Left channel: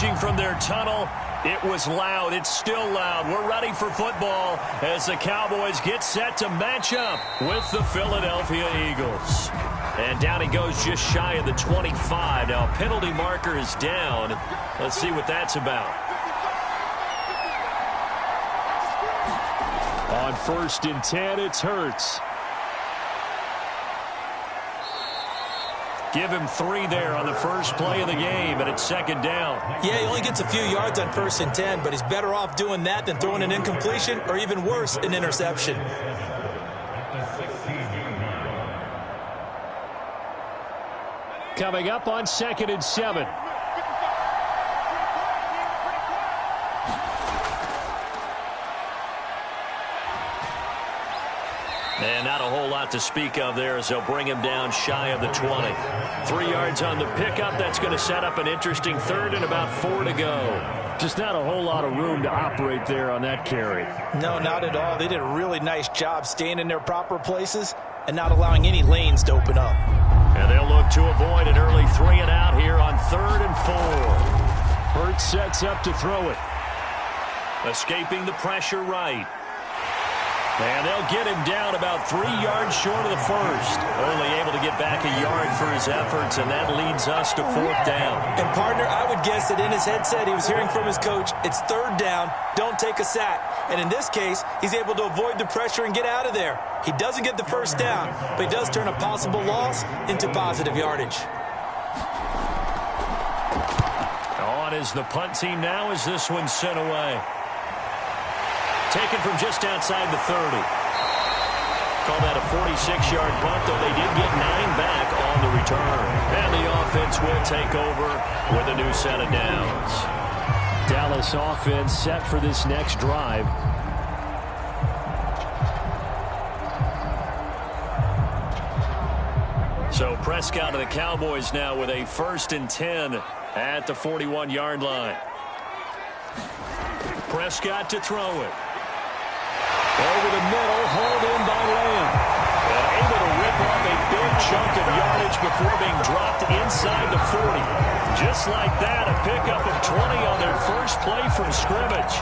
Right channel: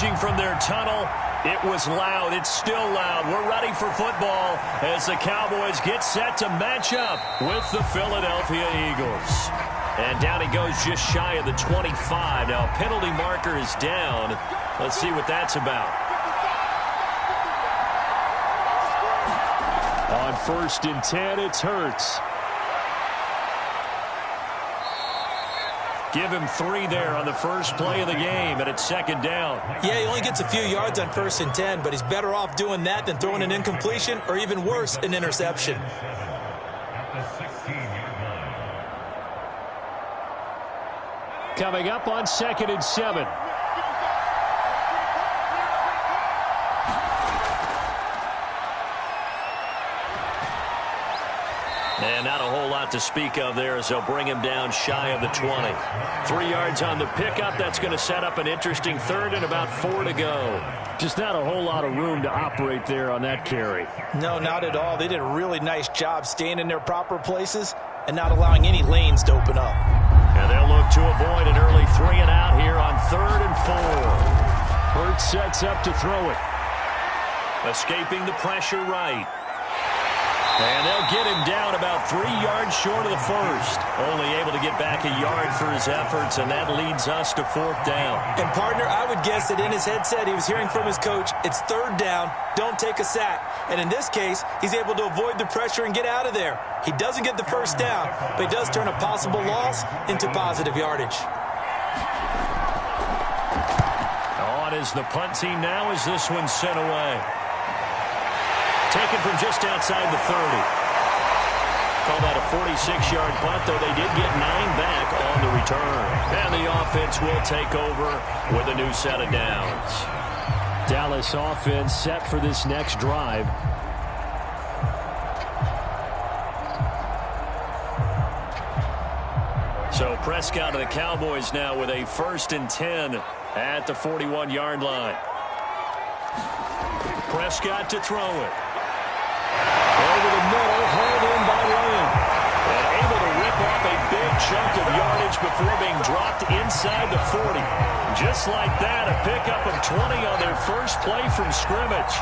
emerging from their tunnel. It was loud. It's still loud. We're ready for football as the Cowboys get set to match up with the Philadelphia Eagles. And down he goes just shy of the 25. Now, penalty marker is down. Let's see what that's about. On 1st and 10, it's Hurts. Give him 3 there on the first play of the game, and it's 2nd down. Yeah, he only gets a few yards on 1st and 10, but he's better off doing that than throwing an incompletion or even worse, an interception. Coming up on 2nd and 7. And not a whole lot to speak of there as they'll bring him down shy of the 20. 3 yards on the pickup. That's going to set up an interesting 3rd and about 4 to go. Just not a whole lot of room to operate there on that carry. No, not at all. They did a really nice job staying in their proper places and not allowing any lanes to open up. And they'll look to avoid an early 3 and out here on 3rd and 4. Hurts sets up to throw it. Escaping the pressure right. And they'll get him down about 3 yards short of the 1st. Only able to get back a yard for his efforts, and that leads us to 4th down. And, partner, I would guess that in his headset he was hearing from his coach, it's 3rd down, don't take a sack. And in this case, he's able to avoid the pressure and get out of there. He doesn't get the 1st down, but he does turn a possible loss into positive yardage. On is the punt team now as this one's sent away. Taken from just outside the 30. Call that a 46-yard punt, though they did get 9 back on the return. And the offense will take over with a new set of downs. Dallas offense set for this next drive. So Prescott of the Cowboys now with a 1st and 10 at the 41-yard line. Prescott to throw it. Over the middle, hauled in by Lamb. And able to rip off a big chunk of yardage before being dropped inside the 40. Just like that, a pickup of 20 on their first play from scrimmage.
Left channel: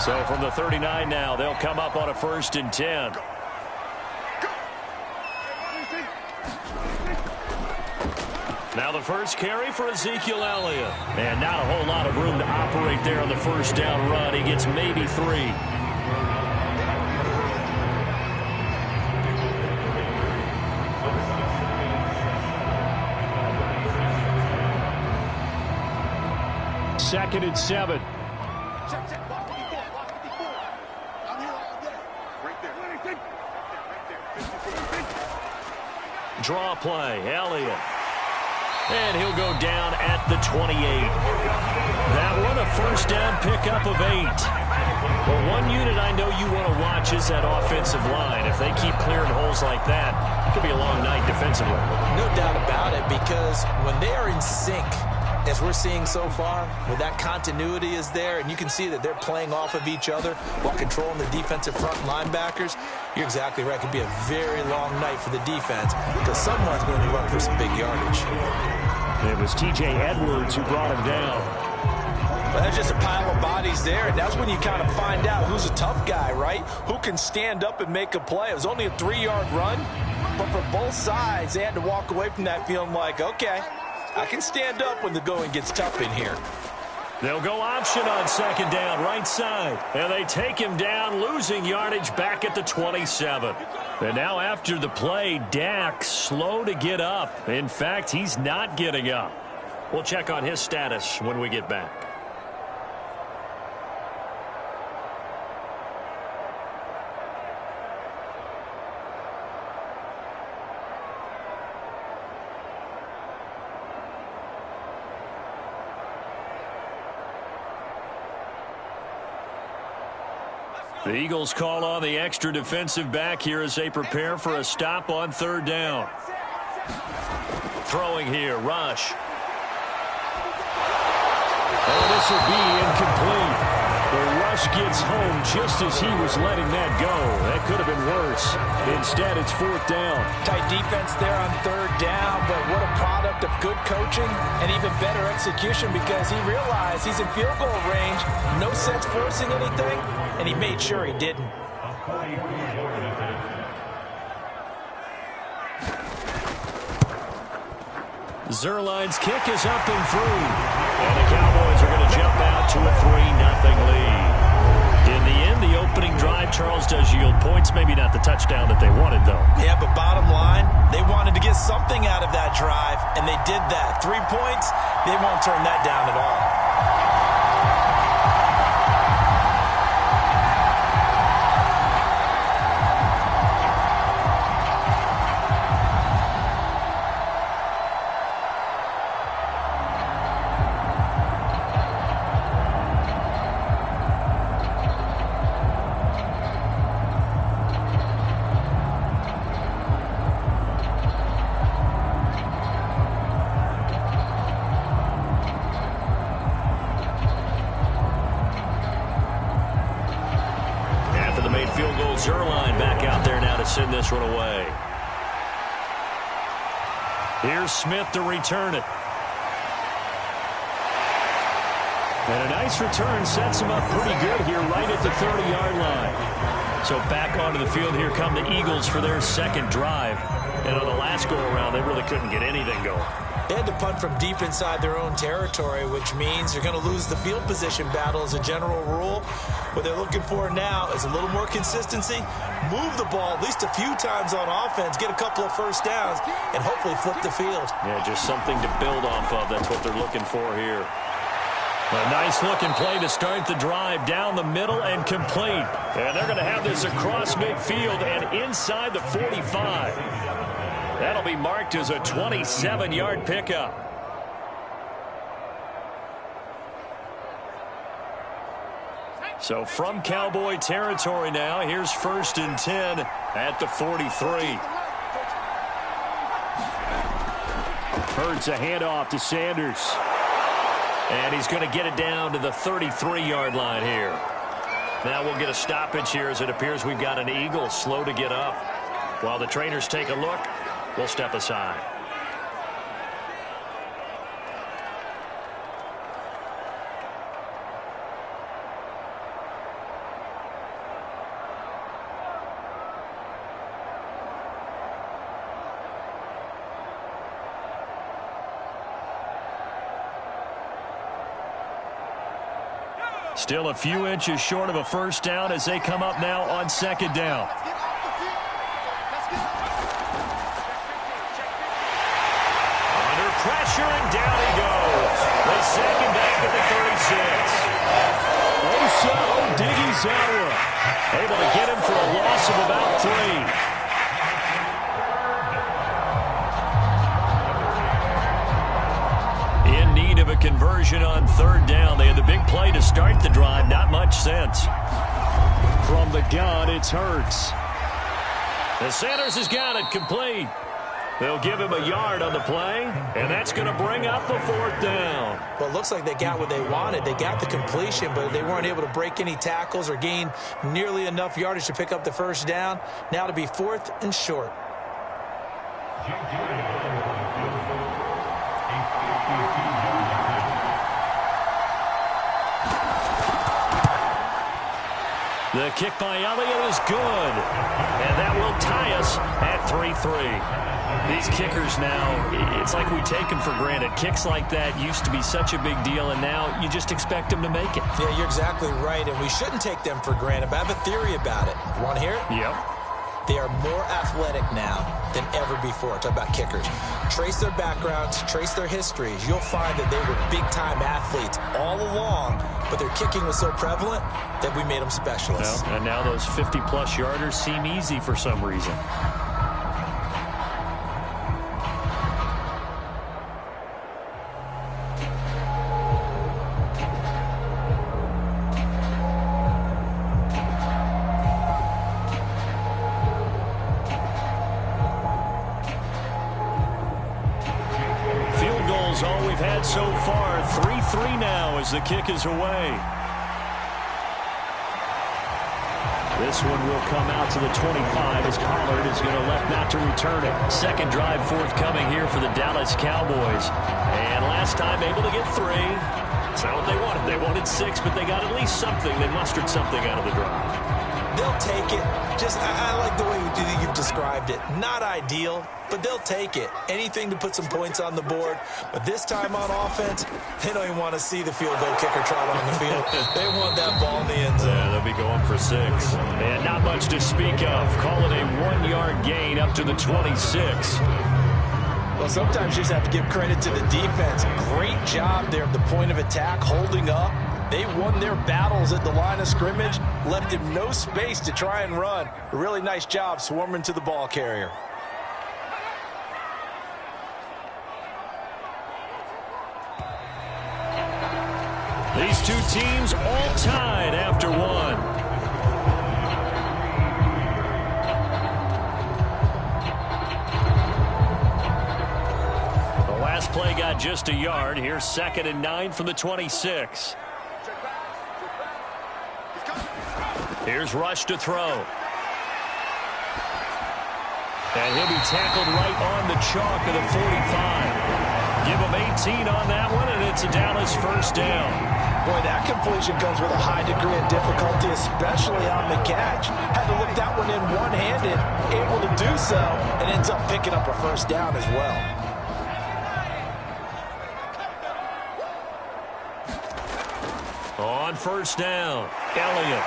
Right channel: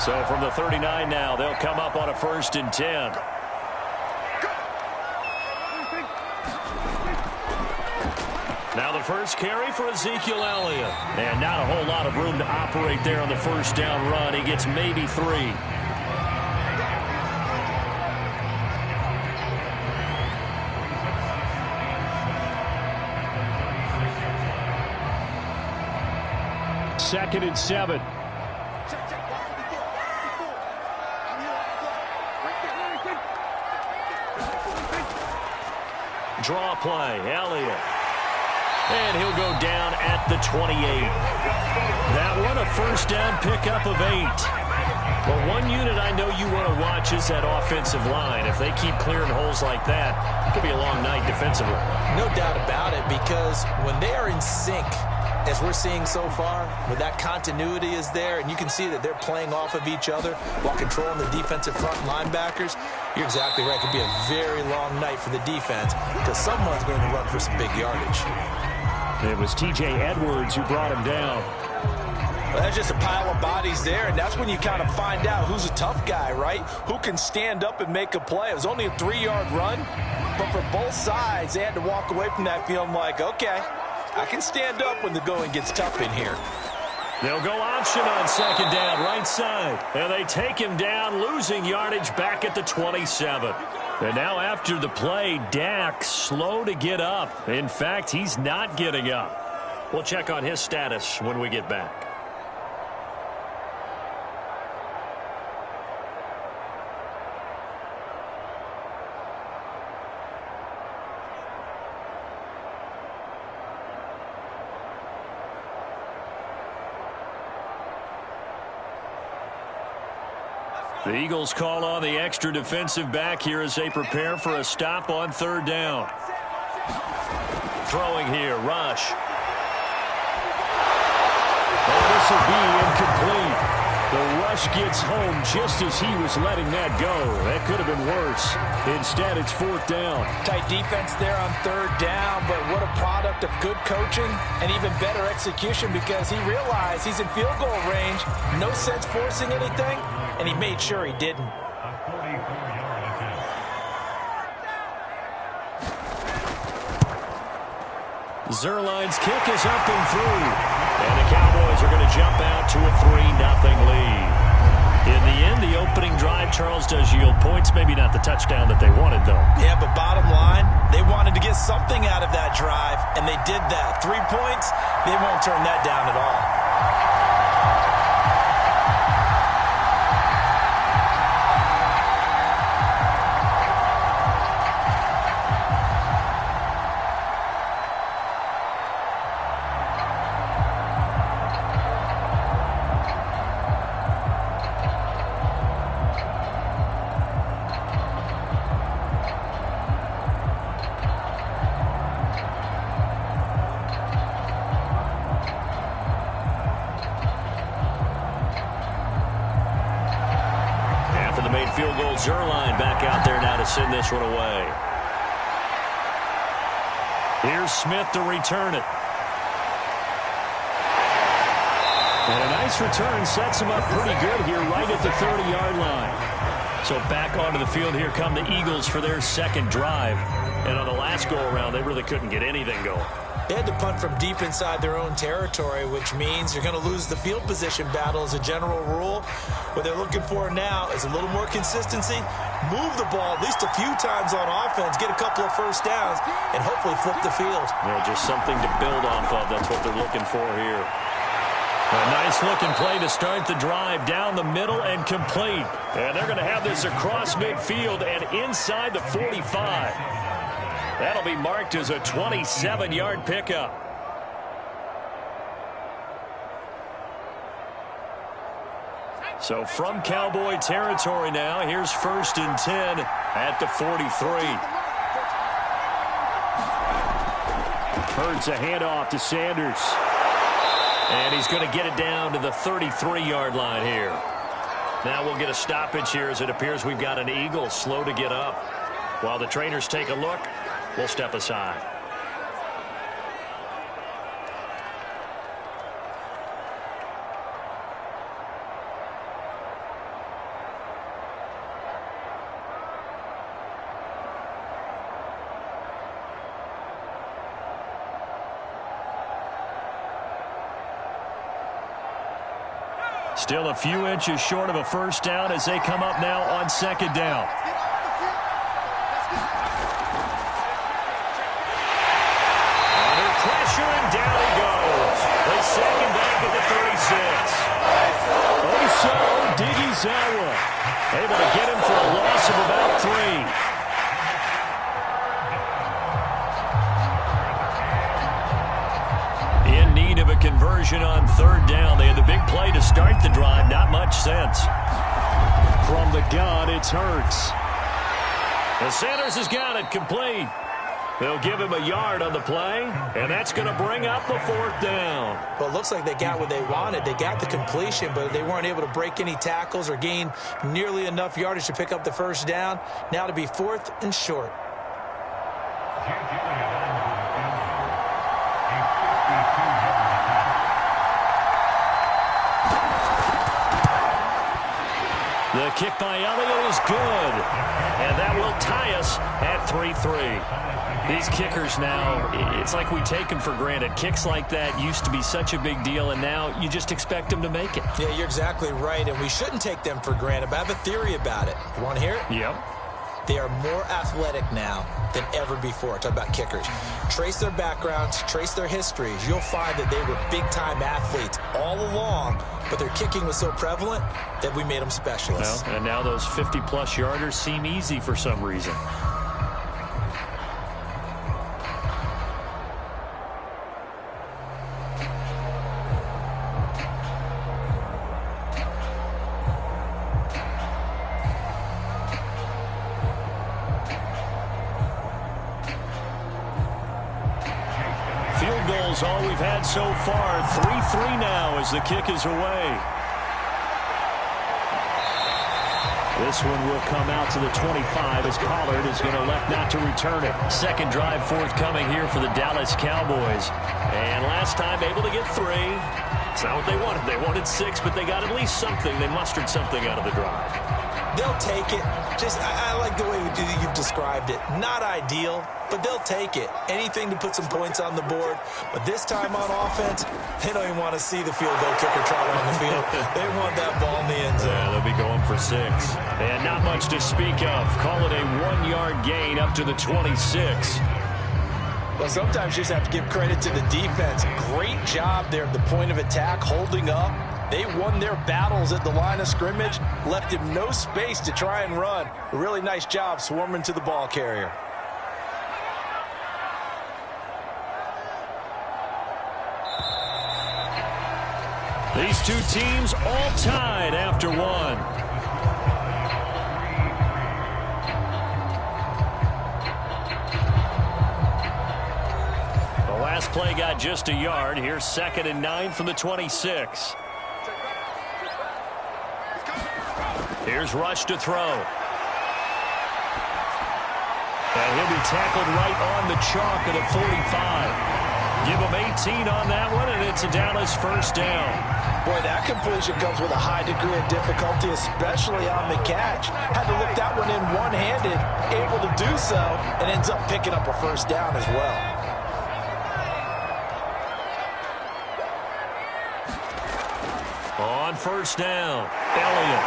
So from the 39 now, they'll come up on a 1st and 10. Now the first carry for Ezekiel Elliott. And not a whole lot of room to operate there on the 1st down run. He gets maybe 3. Second and 7. Draw play, Elliott. And he'll go down at the 28. That one, a 1st down pickup of 8. Well, one unit I know you want to watch is that offensive line. If they keep clearing holes like that, it could be a long night defensively. No doubt about it, because when they are in sync, as we're seeing so far, when that continuity is there, and you can see that they're playing off of each other while controlling the defensive front linebackers, you're exactly right. It could be a very long night for the defense because someone's going to run for some big yardage. It was T.J. Edwards who brought him down. Well, that's just a pile of bodies there, and that's when you kind of find out who's a tough guy, right? Who can stand up and make a play. It was only a 3-yard run, but for both sides, they had to walk away from that feeling like, okay, I can stand up when the going gets tough in here. They'll go option on 2nd down, right side. And they take him down, losing yardage back at the 27. And now after the play, Dak slow to get up. In fact, he's not getting up. We'll check on his status when we get back. The Eagles call on the extra defensive back here as they prepare for a stop on 3rd down. Throwing here, rush. Oh, this will be incomplete. The rush gets home just as he was letting that go. That could have been worse. Instead, it's 4th down. Tight defense there on 3rd down, but what a product of good coaching and even better execution, because he realized he's in field goal range. No sense forcing anything, and he made sure he didn't. Zuerlein's kick is up and through. And the Cowboys are going to jump out to a 3-0 lead. In the end, the opening drive, Charles, does yield points. Maybe not the touchdown that they wanted, though. Yeah, but bottom line, they wanted to get something out of that drive, and they did that. 3 points, they won't turn that down at all. Field goal, Zuerlein back out there now to send this one away. Here's Smith to return it. And a nice return sets him up pretty good here right at the 30-yard line. So back onto the field here come the Eagles for their 2nd drive. And on the last go-around, they really couldn't get anything going. They had to punt from deep inside their own territory, which means you're going to lose the field position battle as a general rule. What they're looking for now is a little more consistency, move the ball at least a few times on offense, get a couple of first downs, and hopefully flip the field. Yeah, just something to build off of. That's what they're looking for here. A nice-looking play to start the drive down the middle and complete. And they're going to have this across midfield and inside the 45. That'll be marked as a 27-yard pickup. So from Cowboy territory now, here's 1st and 10 at the 43. Hurts a handoff to Sanders. And he's going to get it down to the 33-yard line here. Now we'll get a stoppage here as it appears we've got an Eagle slow to get up. While the trainers take a look, we'll step aside. Still a few inches short of a first down as they come up now on 2nd down. Under pressure, and down he goes. They sack him back at the 36. Osa Odighizuwa able to get him for a loss of about 3. In need of a conversion on 3rd down. They had the big play to start the drive. Not much sense. From the gun, it's Hurts. And Sanders has got it complete. They'll give him a yard on the play, and that's going to bring up the 4th down. Well, it looks like they got what they wanted. They got the completion, but they weren't able to break any tackles or gain nearly enough yardage to pick up the first down. Now to be 4th and short. The kick by Elliott is good, and that will tie us at 3-3. These kickers now, it's like we take them for granted. Kicks like that used to be such a big deal, and now you just expect them to make it. Yeah, you're exactly right, and we shouldn't take them for granted, but I have a theory about it. You want to hear it? Yep. They are more athletic now than ever before. Talk about kickers. Trace their backgrounds, trace their histories. You'll find that they were big-time athletes all along, but their kicking was so prevalent that we made them specialists. Well, and now those 50-plus yarders seem easy for some reason. All we've had so far. 3-3 now as the kick is away. This one will come out to the 25 as Pollard is going to elect not to return it. Second drive forthcoming here for the Dallas Cowboys. And last time able to get 3. It's not what they wanted. They wanted 6, but they got at least something. They mustered something out of the drive. They'll take it. I like the way you've described it. Not ideal, but they'll take it. Anything to put some points on the board. But this time on offense, they don't even want to see the field goal kicker trot on the field. They want that ball in the end zone. Yeah, they'll be going for 6. And not much to speak of. Call it a 1-yard gain up to the 26. Well, sometimes you just have to give credit to the defense. Great job there at the point of attack, holding up. They won their battles at the line of scrimmage, left him no space to try and run. A really nice job swarming to the ball carrier. These two teams all tied after 1. The last play got just a yard. Here's 2nd and 9 from the 26. Here's Rush to throw. And he'll be tackled right on the chalk of the 45. Give him 18 on that one, and it's a Dallas first down. Boy, that completion comes with a high degree of difficulty, especially on the catch. Had to look that one in one-handed, able to do so, and ends up picking up a first down as well. On first down, Elliott.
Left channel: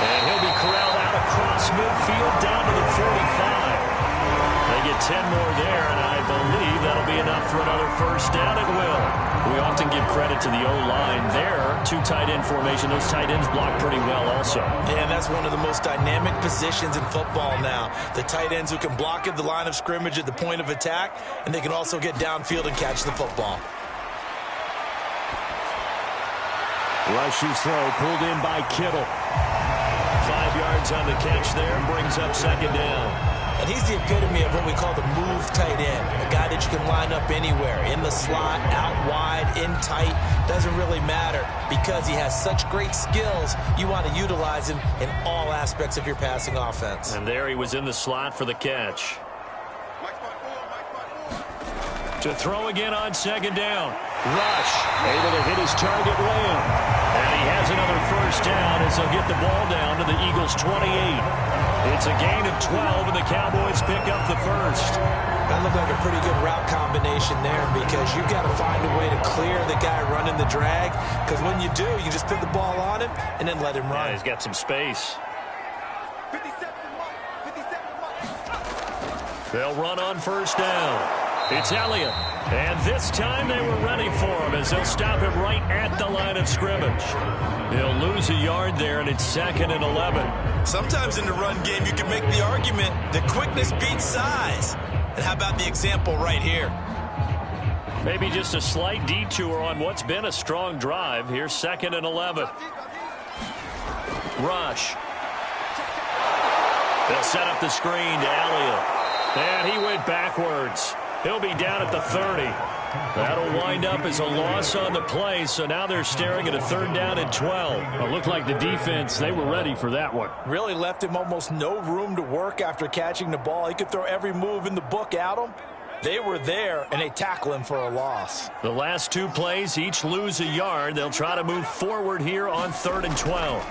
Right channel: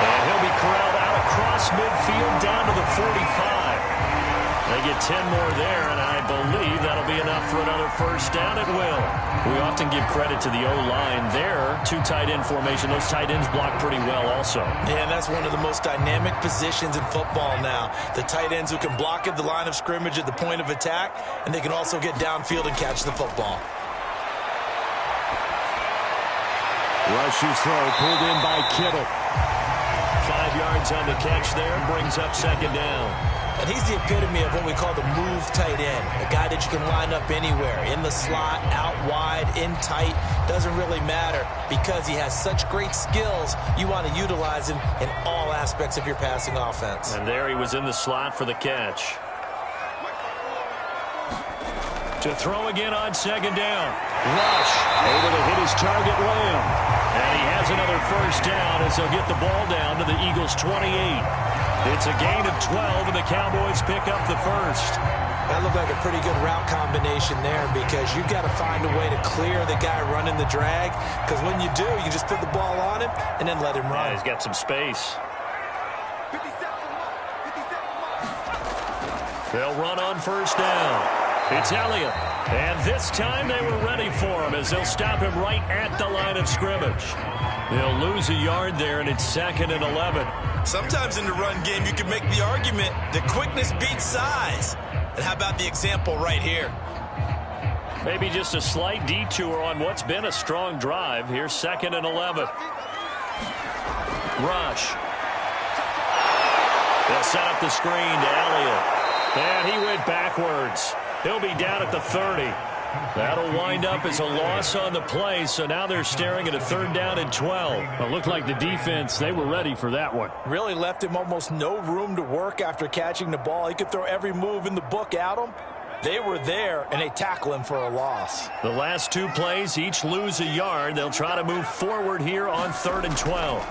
And he'll be corralled out across midfield down to the 45. They get 10 more there, and I believe that'll be enough for another first down. It will. We often give credit to the O-line there. 2 tight end formation. Those tight ends block pretty well also. Yeah, and that's one of the most dynamic positions in football now. The tight ends who can block at the line of scrimmage at the point of attack, and they can also get downfield and catch the football. Rush's throw pulled in by Kittle. 5 yards on the catch there, brings up 2nd down. And he's the epitome of what we call the move tight end. A guy that you can line up anywhere. In the slot, out wide, in tight. Doesn't really matter because he has such great skills. You want to utilize him in all aspects of your passing offense. And there he was in the slot for the catch. To throw again on 2nd down. Rush able to hit his target, Lamb. And he has another first down as they'll get the ball down to the Eagles' 28. It's a gain of 12, and the Cowboys pick up the first. That looked like a pretty good route combination there because you've got to find a way to clear the guy running the drag, because when you do, you just put the ball on him and then let him run. Yeah, he's got some space. They'll run on first down. It's Elliott. And this time they were ready for him as they'll stop him right at the line of scrimmage. They'll lose a yard there, and it's 2nd and 11. Sometimes in the run game, you can make the argument that quickness beats size. And how about the example right here? Maybe just a slight detour on what's been a strong drive. Here's 2nd and 11. Rush. They'll set up the screen to Elliott. And he went backwards. He'll be down at the 30. That'll wind up as a loss on the play, so now they're staring at a 3rd down and 12. Well, it looked like the defense, they were ready for that one. Really left him almost no room to work after catching the ball. He could throw every move in the book at him. They were there, and they tackle him for a loss. The last 2 plays each lose a yard. They'll try to move forward here on 3rd and 12.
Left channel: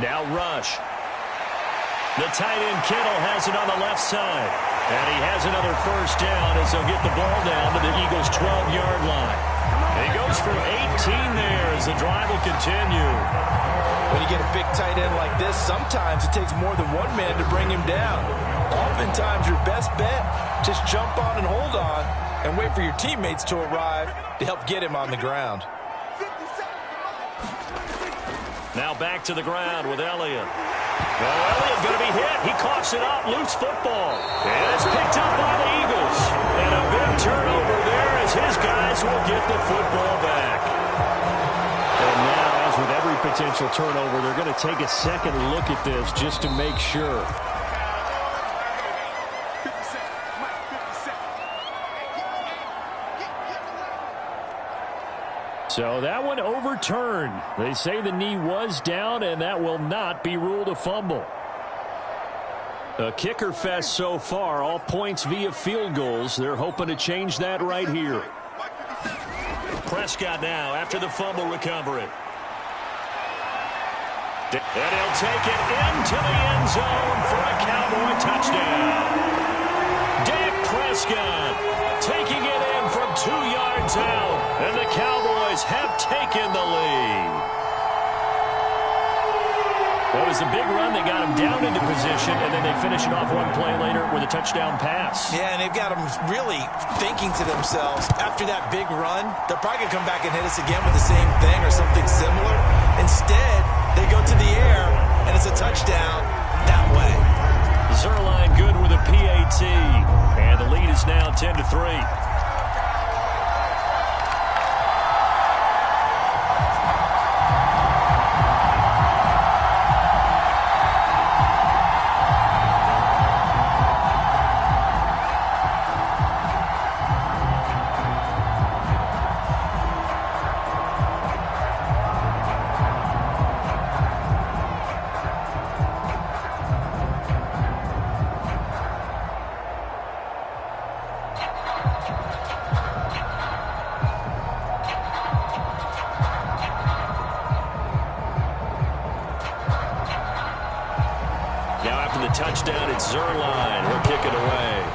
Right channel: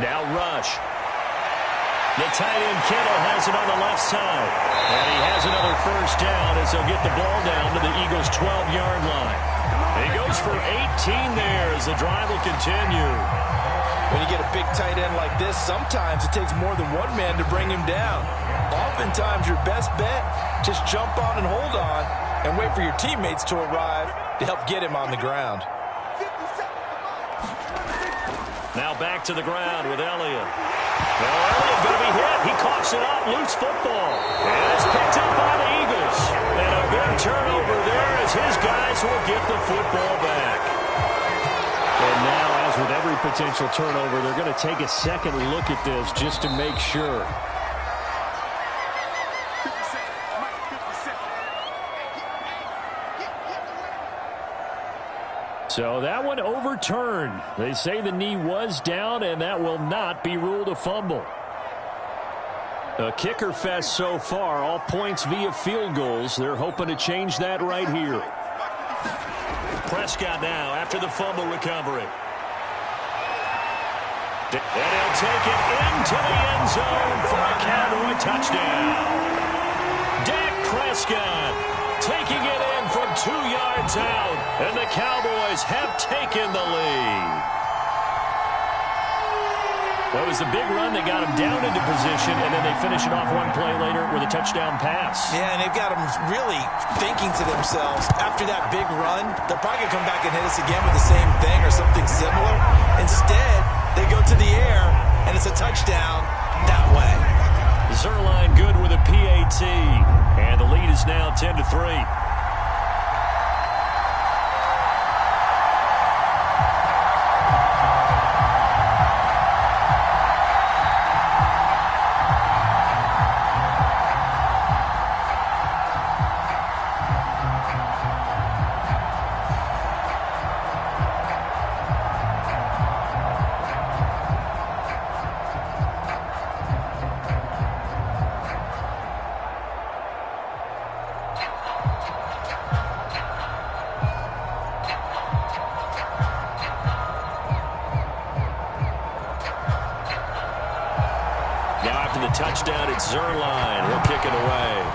Now Rush. The tight end Kittle has it on the left side. And he has another first down as they'll get the ball down to the Eagles' 12-yard line. He goes for 18 there as the drive will continue. When you get a big tight end like this, sometimes it takes more than one man to bring him down. Oftentimes your best bet, just jump on and hold on and wait for your teammates to arrive to help get him on the ground. Now back to the ground with Elliott. Oh, Elliott going to be hit. He coughs it up. Loose football. And it's picked up by the Eagles. And a big turnover there as his guys will get the football back. And now, as with every potential turnover, they're going to take a second look at this just to make sure. So that one overturned. They say the knee was down, and that will not be ruled a fumble. A kicker fest so far, all points via field goals. They're hoping to change that right here. Prescott now after the fumble recovery. And he'll take it into the end zone for a Cowboy touchdown. Dak Prescott taking it in from 2 yards out, and the Cowboys have taken the lead. Well, it was a big run. They got him down into position, and then they finish it off one play later with a touchdown pass. Yeah, and they've got them really thinking to themselves, after that big run, they're probably going to come back and hit us again with the same thing or something similar. Instead, they go to the air, and it's a touchdown that way. Zuerlein good with a PAT, and the lead is now 10-3. The touchdown, it's Zuerlein. He'll kick it away.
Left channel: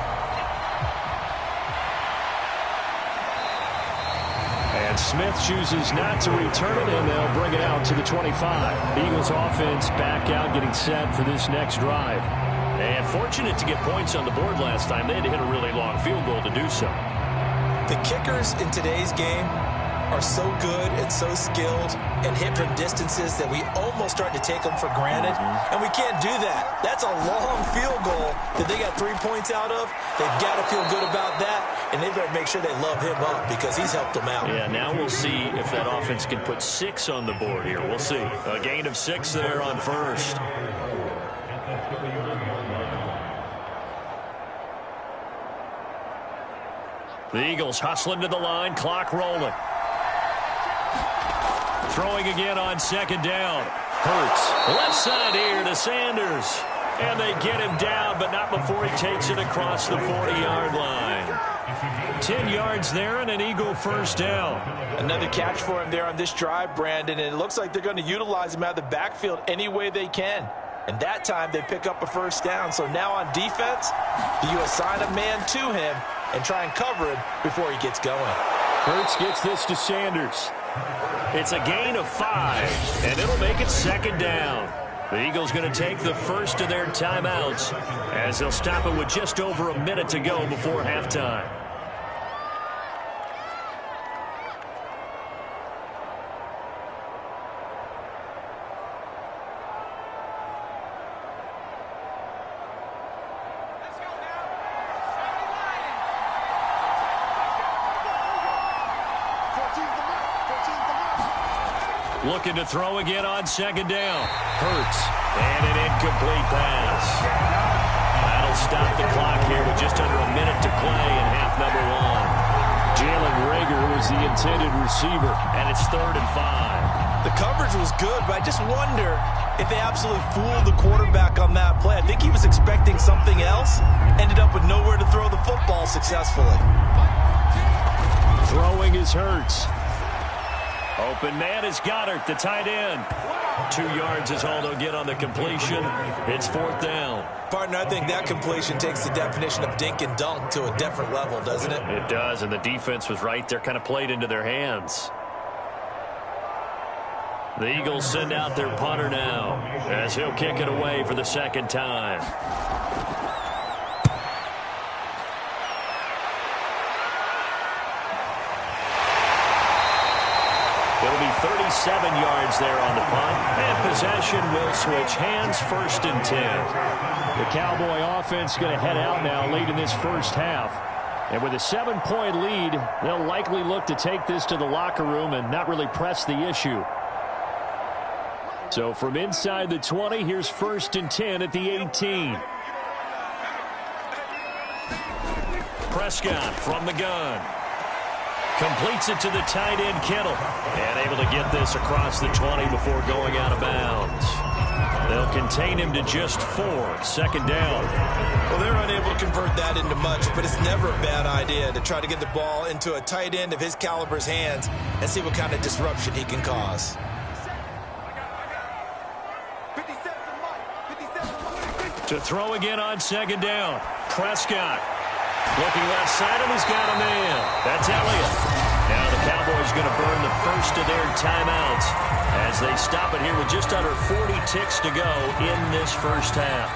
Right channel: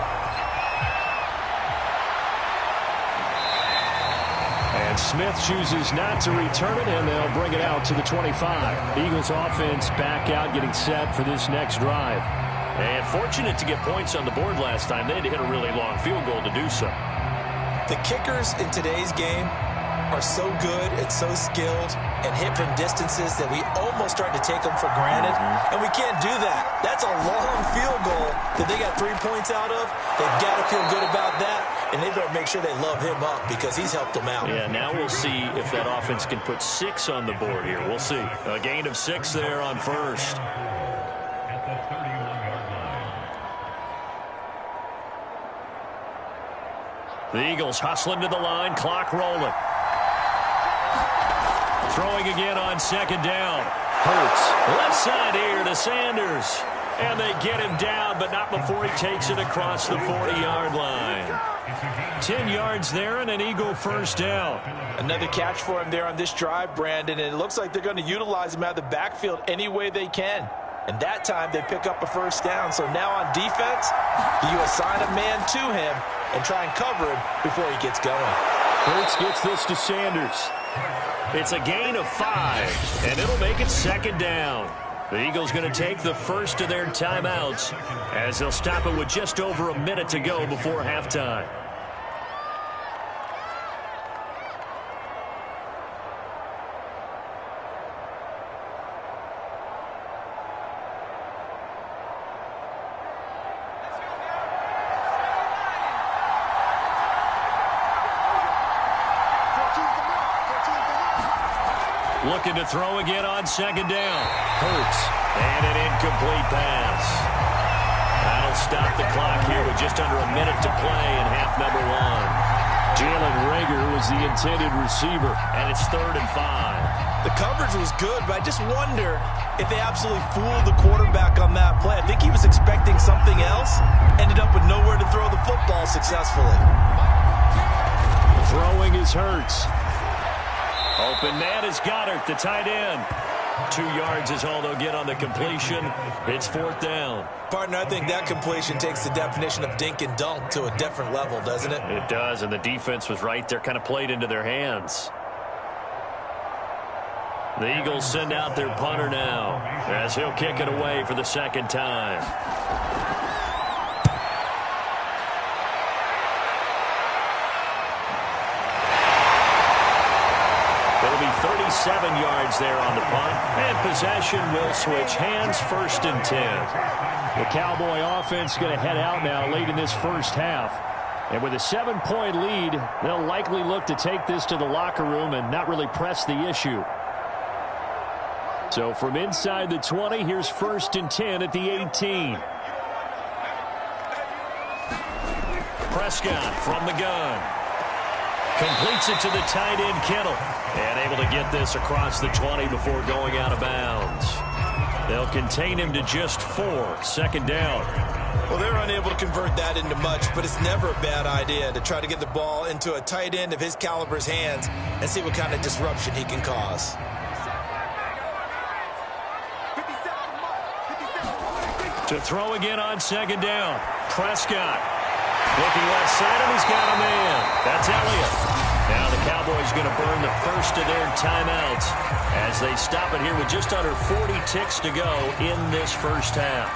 And Smith chooses not to return it, and they'll bring it out to the 25. The Eagles offense back out, getting set for this next drive. And fortunate to get points on the board last time. They had to hit a really long field goal to do so. The kickers in today's game are so good and so skilled and hit from distances that we almost start to take them for granted. And we can't do that. That's a long field goal that they got 3 points out of. They've got to feel good about that, and they better make sure they love him up because he's helped them out. Yeah, now we'll see if that offense can put 6 on the board here. We'll see. A gain of 6 there on first. The Eagles hustling to the line, clock rolling. Throwing again on second down. Hurts. Left side here to Sanders. And they get him down, but not before he takes it across the 40-yard line. 10 yards there and an Eagle first down. Another catch for him there on this drive, Brandon, and it looks like they're going to utilize him out of the backfield any way they can. And that time they pick up a first down. So now on defense, do you assign a man to him and try and cover him before he gets going? Hurts gets this to Sanders. It's a gain of 5, and it'll make it second down. The Eagles going to take the first of their timeouts as they'll stop it with just over a minute to go before halftime. Looking to throw again on second down. Hurts. And an incomplete pass. That'll stop the clock here with just under a minute to play in half number 1. Jalen Reagor was the intended receiver. And it's 3rd and 5. The coverage was good, but I just wonder if they absolutely fooled the quarterback on that play. I think he was expecting something else. Ended up with nowhere to throw the football successfully. Throwing is Hurts. Open man is Goddard, the tight end. 2 yards is all they'll get on the completion. It's 4th down. Partner, I think that completion takes the definition of dink and dunk to a different level, doesn't it? It does, and the defense was right there, kind of played into their hands. The Eagles send out their punter now as he'll kick it away for the second time. It'll be 37 yards there on the punt, and possession will switch hands, 1st and 10. The Cowboy offense going to head out now late in this first half. And with a 7-point lead, they'll likely look to take this to the locker room and not really press the issue. So from inside the 20, here's 1st and 10 at the 18. Prescott from the gun. Completes it to the tight end, Kittle. And able to get this across the 20 before going out of bounds. They'll contain him to just 4. Second down. Well, they're unable to convert that into much, but it's never a bad idea to try to get the ball into a tight end of his caliber's hands and see what kind of disruption he can cause. To throw again on second down. Prescott looking left side, and he's got a man. That's Elliott. Now the Cowboys going to burn the first of their timeouts as they stop it here with just under 40 ticks to go in this first half.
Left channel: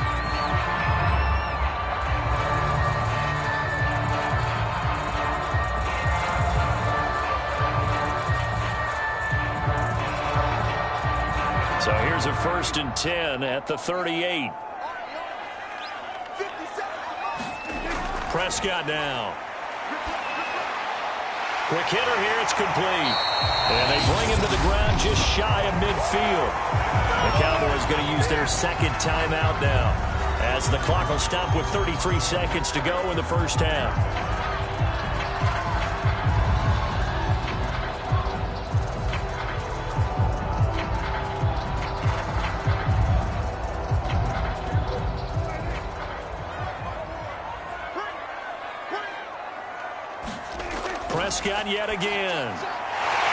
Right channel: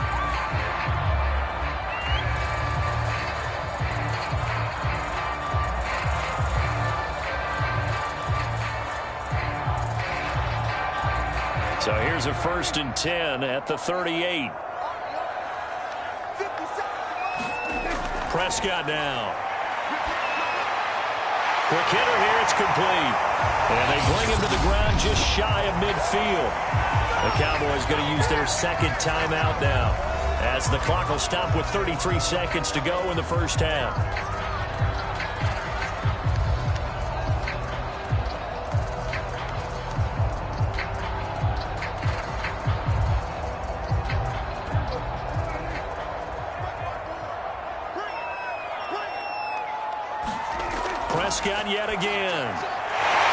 So here's a 1st and 10 at the 38. Prescott now. Quick hitter here, it's complete. And they bring him to the ground just shy of midfield. The Cowboys going to use their second timeout now as the clock will stop with 33 seconds to go in the first half. Prescott yet again.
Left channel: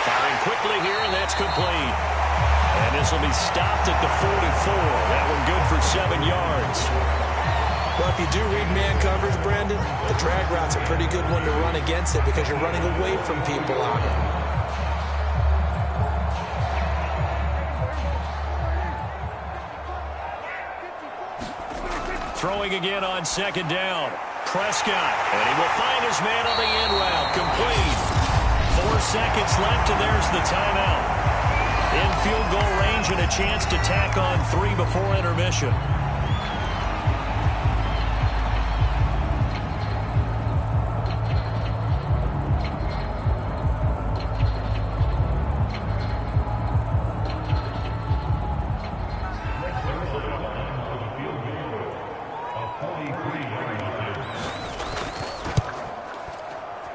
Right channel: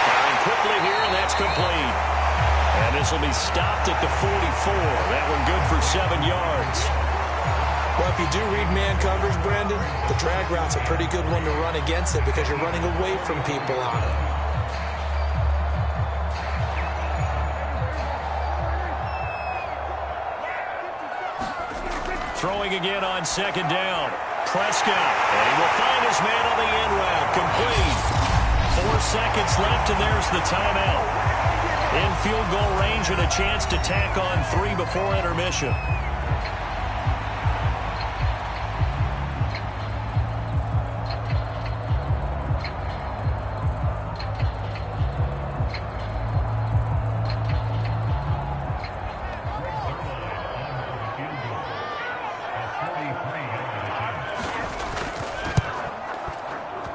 Firing quickly here, and that's complete. And this will be stopped at the 44. That one good for 7 yards. Well, if you do read man coverage, Brandon, the drag route's a pretty good one to run against it because you're running away from people on it. Throwing again on second down. Prescott, and he will find his man on the end route. Complete. 4 seconds left, and there's the timeout. In field goal range and a chance to tack on 3 before intermission.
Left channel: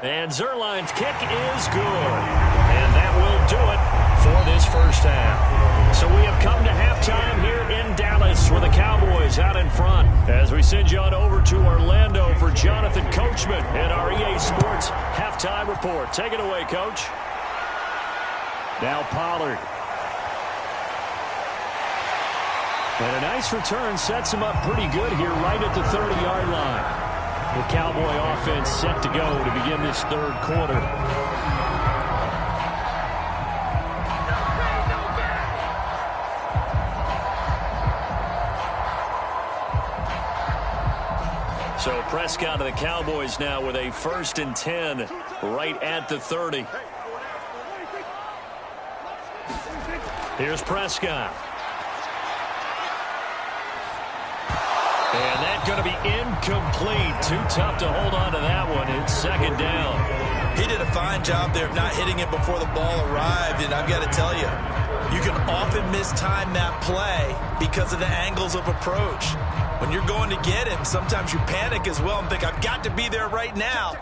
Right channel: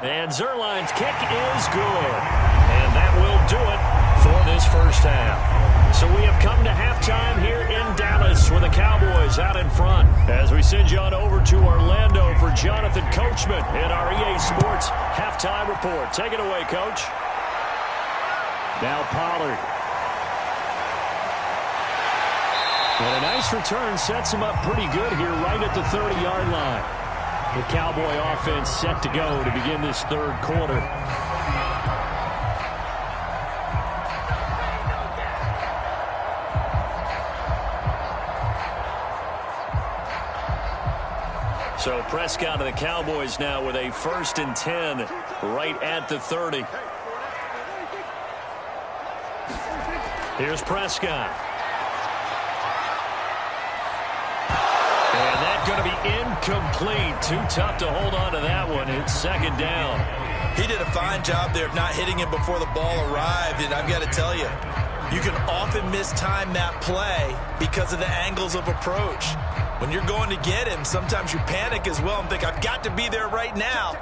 And Zerline's kick is good. And that will do it for this first half. So we have come to halftime here in Dallas with the Cowboys out in front. As we send you on over to Orlando for Jonathan Coachman in our EA Sports halftime report. Take it away, Coach. Now Pollard. And a nice return sets him up pretty good here right at the 30-yard line. The Cowboy offense set to go to begin this third quarter. So Prescott of the Cowboys now with a 1st and 10 right at the 30. Here's Prescott. And that's going to be incomplete. Too tough to hold on to that one. It's second down. He did a fine job there of not hitting it before the ball arrived. And I've got to tell you, you can often mistime that play because of the angles of approach. When you're going to get him, sometimes you panic as well and think, I've got to be there right now.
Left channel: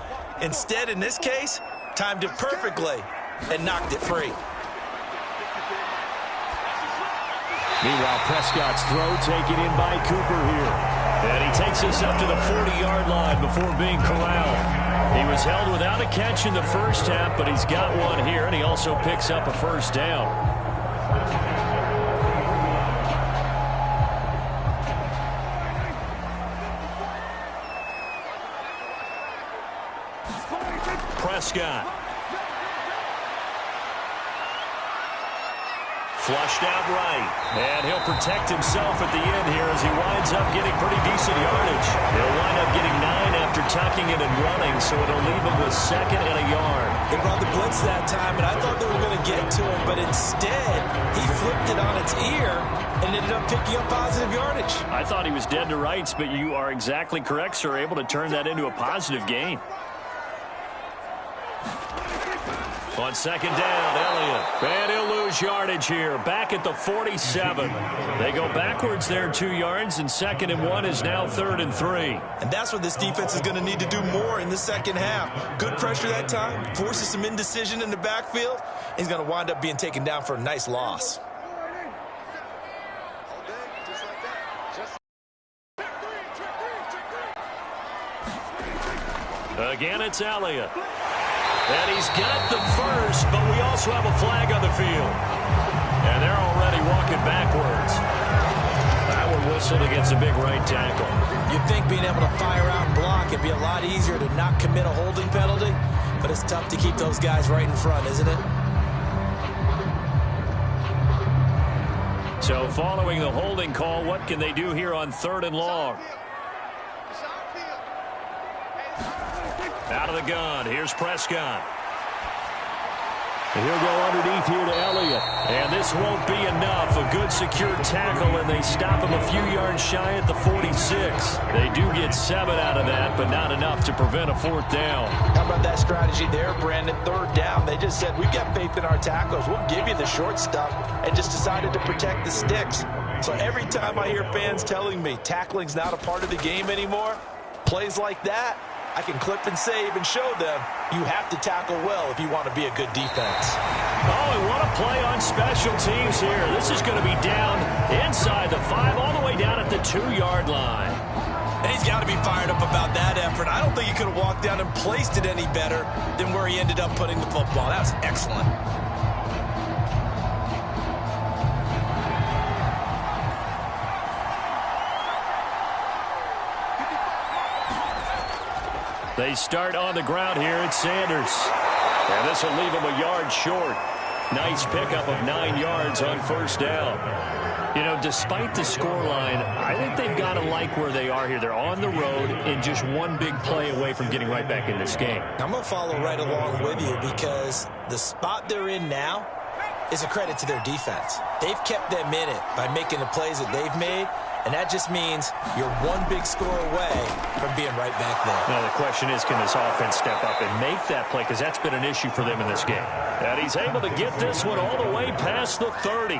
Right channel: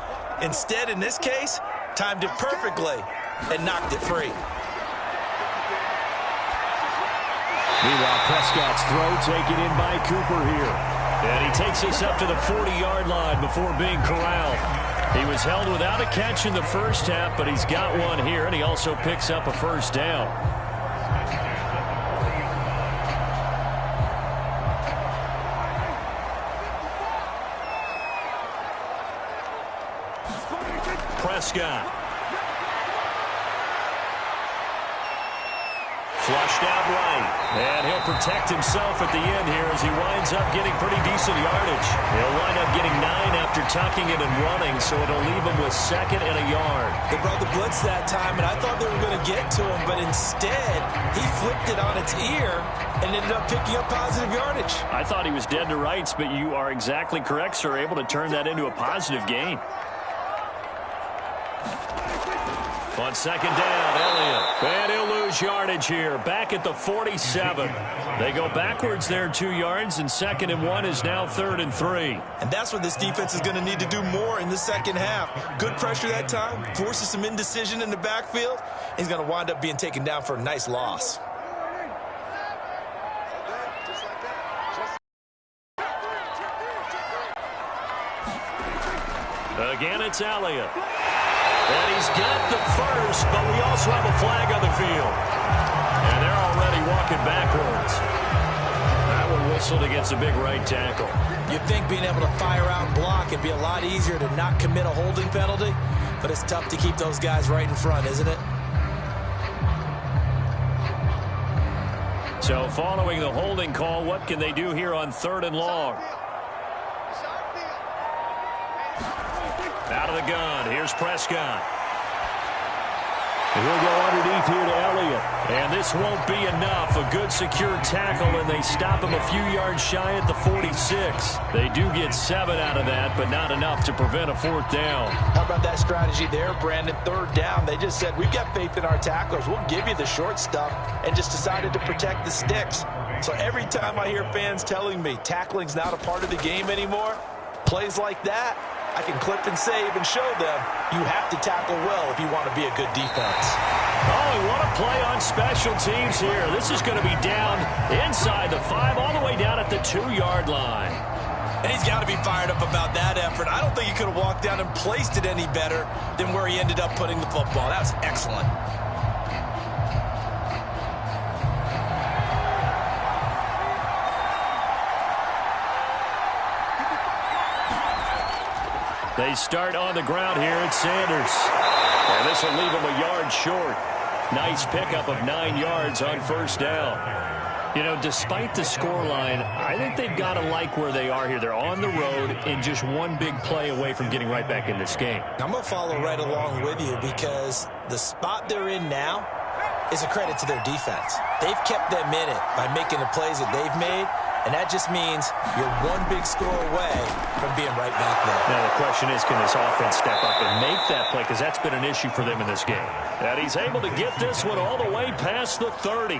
Instead, in this case, timed it perfectly and knocked it free. Meanwhile, Prescott's throw taken in by Cooper here. And he takes us up to the 40-yard line before being corralled. He was held without a catch in the first half, but he's got one here, and he also picks up a first down. Prescott. Flushed out right, and he'll protect himself at the end here as he winds up getting pretty decent yardage. He'll wind up getting 9 after tucking it and running, so it'll leave him with 2nd and a yard. They brought the blitz that time, and I thought they were going to get to him, but instead he flipped it on its ear and ended up picking up positive yardage. I thought he was dead to rights, but you are exactly correct, sir, able to turn that into a positive gain. On second down, Elliott. And he'll lose yardage here. Back at the 47. They go backwards there 2 yards, and 2nd and 1 is now 3rd and 3. And that's what this defense is going to need to do more in the second half. Good pressure that time. Forces some indecision in the backfield. He's going to wind up being taken down for a nice loss. Again, it's Elliott. And he's got the first, but we also have a flag on the field. And they're already walking backwards. That one whistled against a big right tackle. You'd think being able to fire out and block it'd be a lot easier to not commit a holding penalty, but it's tough to keep those guys right in front, isn't it? So following the holding call, what can they do here on 3rd and long? Out of the gun. Here's Prescott. And he'll go underneath here to Elliott. And this won't be enough. A good secure tackle, and they stop him a few yards shy at the 46. They do get 7 out of that, but not enough to prevent a 4th down. How about that strategy there, Brandon? 3rd down. They just said, we've got faith in our tacklers. We'll give you the short stuff, and just decided to protect the sticks. So every time I hear fans telling me tackling's not a part of the game anymore, plays like that, I can clip and save and show them you have to tackle well if you want to be a good defense. Oh, and what a play on special teams here. This is going to be down inside the 5, all the way down at the 2-yard line. And he's got to be fired up about that effort. I don't think he could have walked down and placed it any better than where he ended up putting the football. That was excellent. They start on the ground here at Sanders. And this will leave them a yard short. Nice pickup of 9 yards on 1st down. You know, despite the scoreline, I think they've got to like where they are here. They're on the road and just one big play away from getting right back in this game. I'm going to follow right along with you because the spot they're in now is a credit to their defense. They've kept them in it by making the plays that they've made. And that just means you're one big score away from being right back there. Now, the question is, can this offense step up and make that play? Because that's been an issue for them in this game. And he's able to get this one all the way past the 30.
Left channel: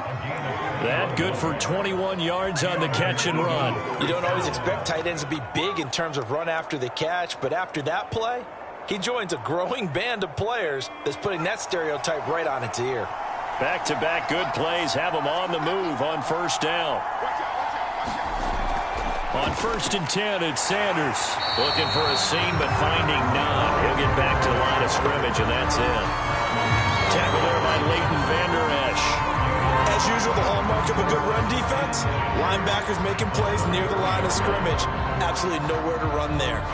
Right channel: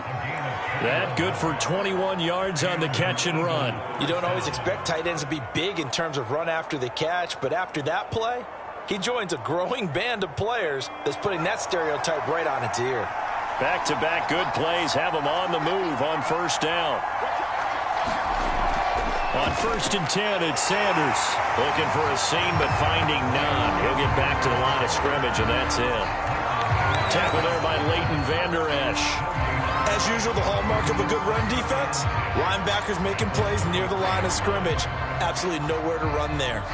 That good for 21 yards on the catch and run. You don't always expect tight ends to be big in terms of run after the catch, but after that play, he joins a growing band of players that's putting that stereotype right on its ear. Back-to-back good plays have him on the move on 1st down. On 1st and 10, it's Sanders. Looking for a seam, but finding none. He'll get back to the line of scrimmage, and that's it. Tackle there by Leighton Vander Esch. As usual, the hallmark of a good run defense, linebackers making plays near the line of scrimmage. Absolutely nowhere to run there.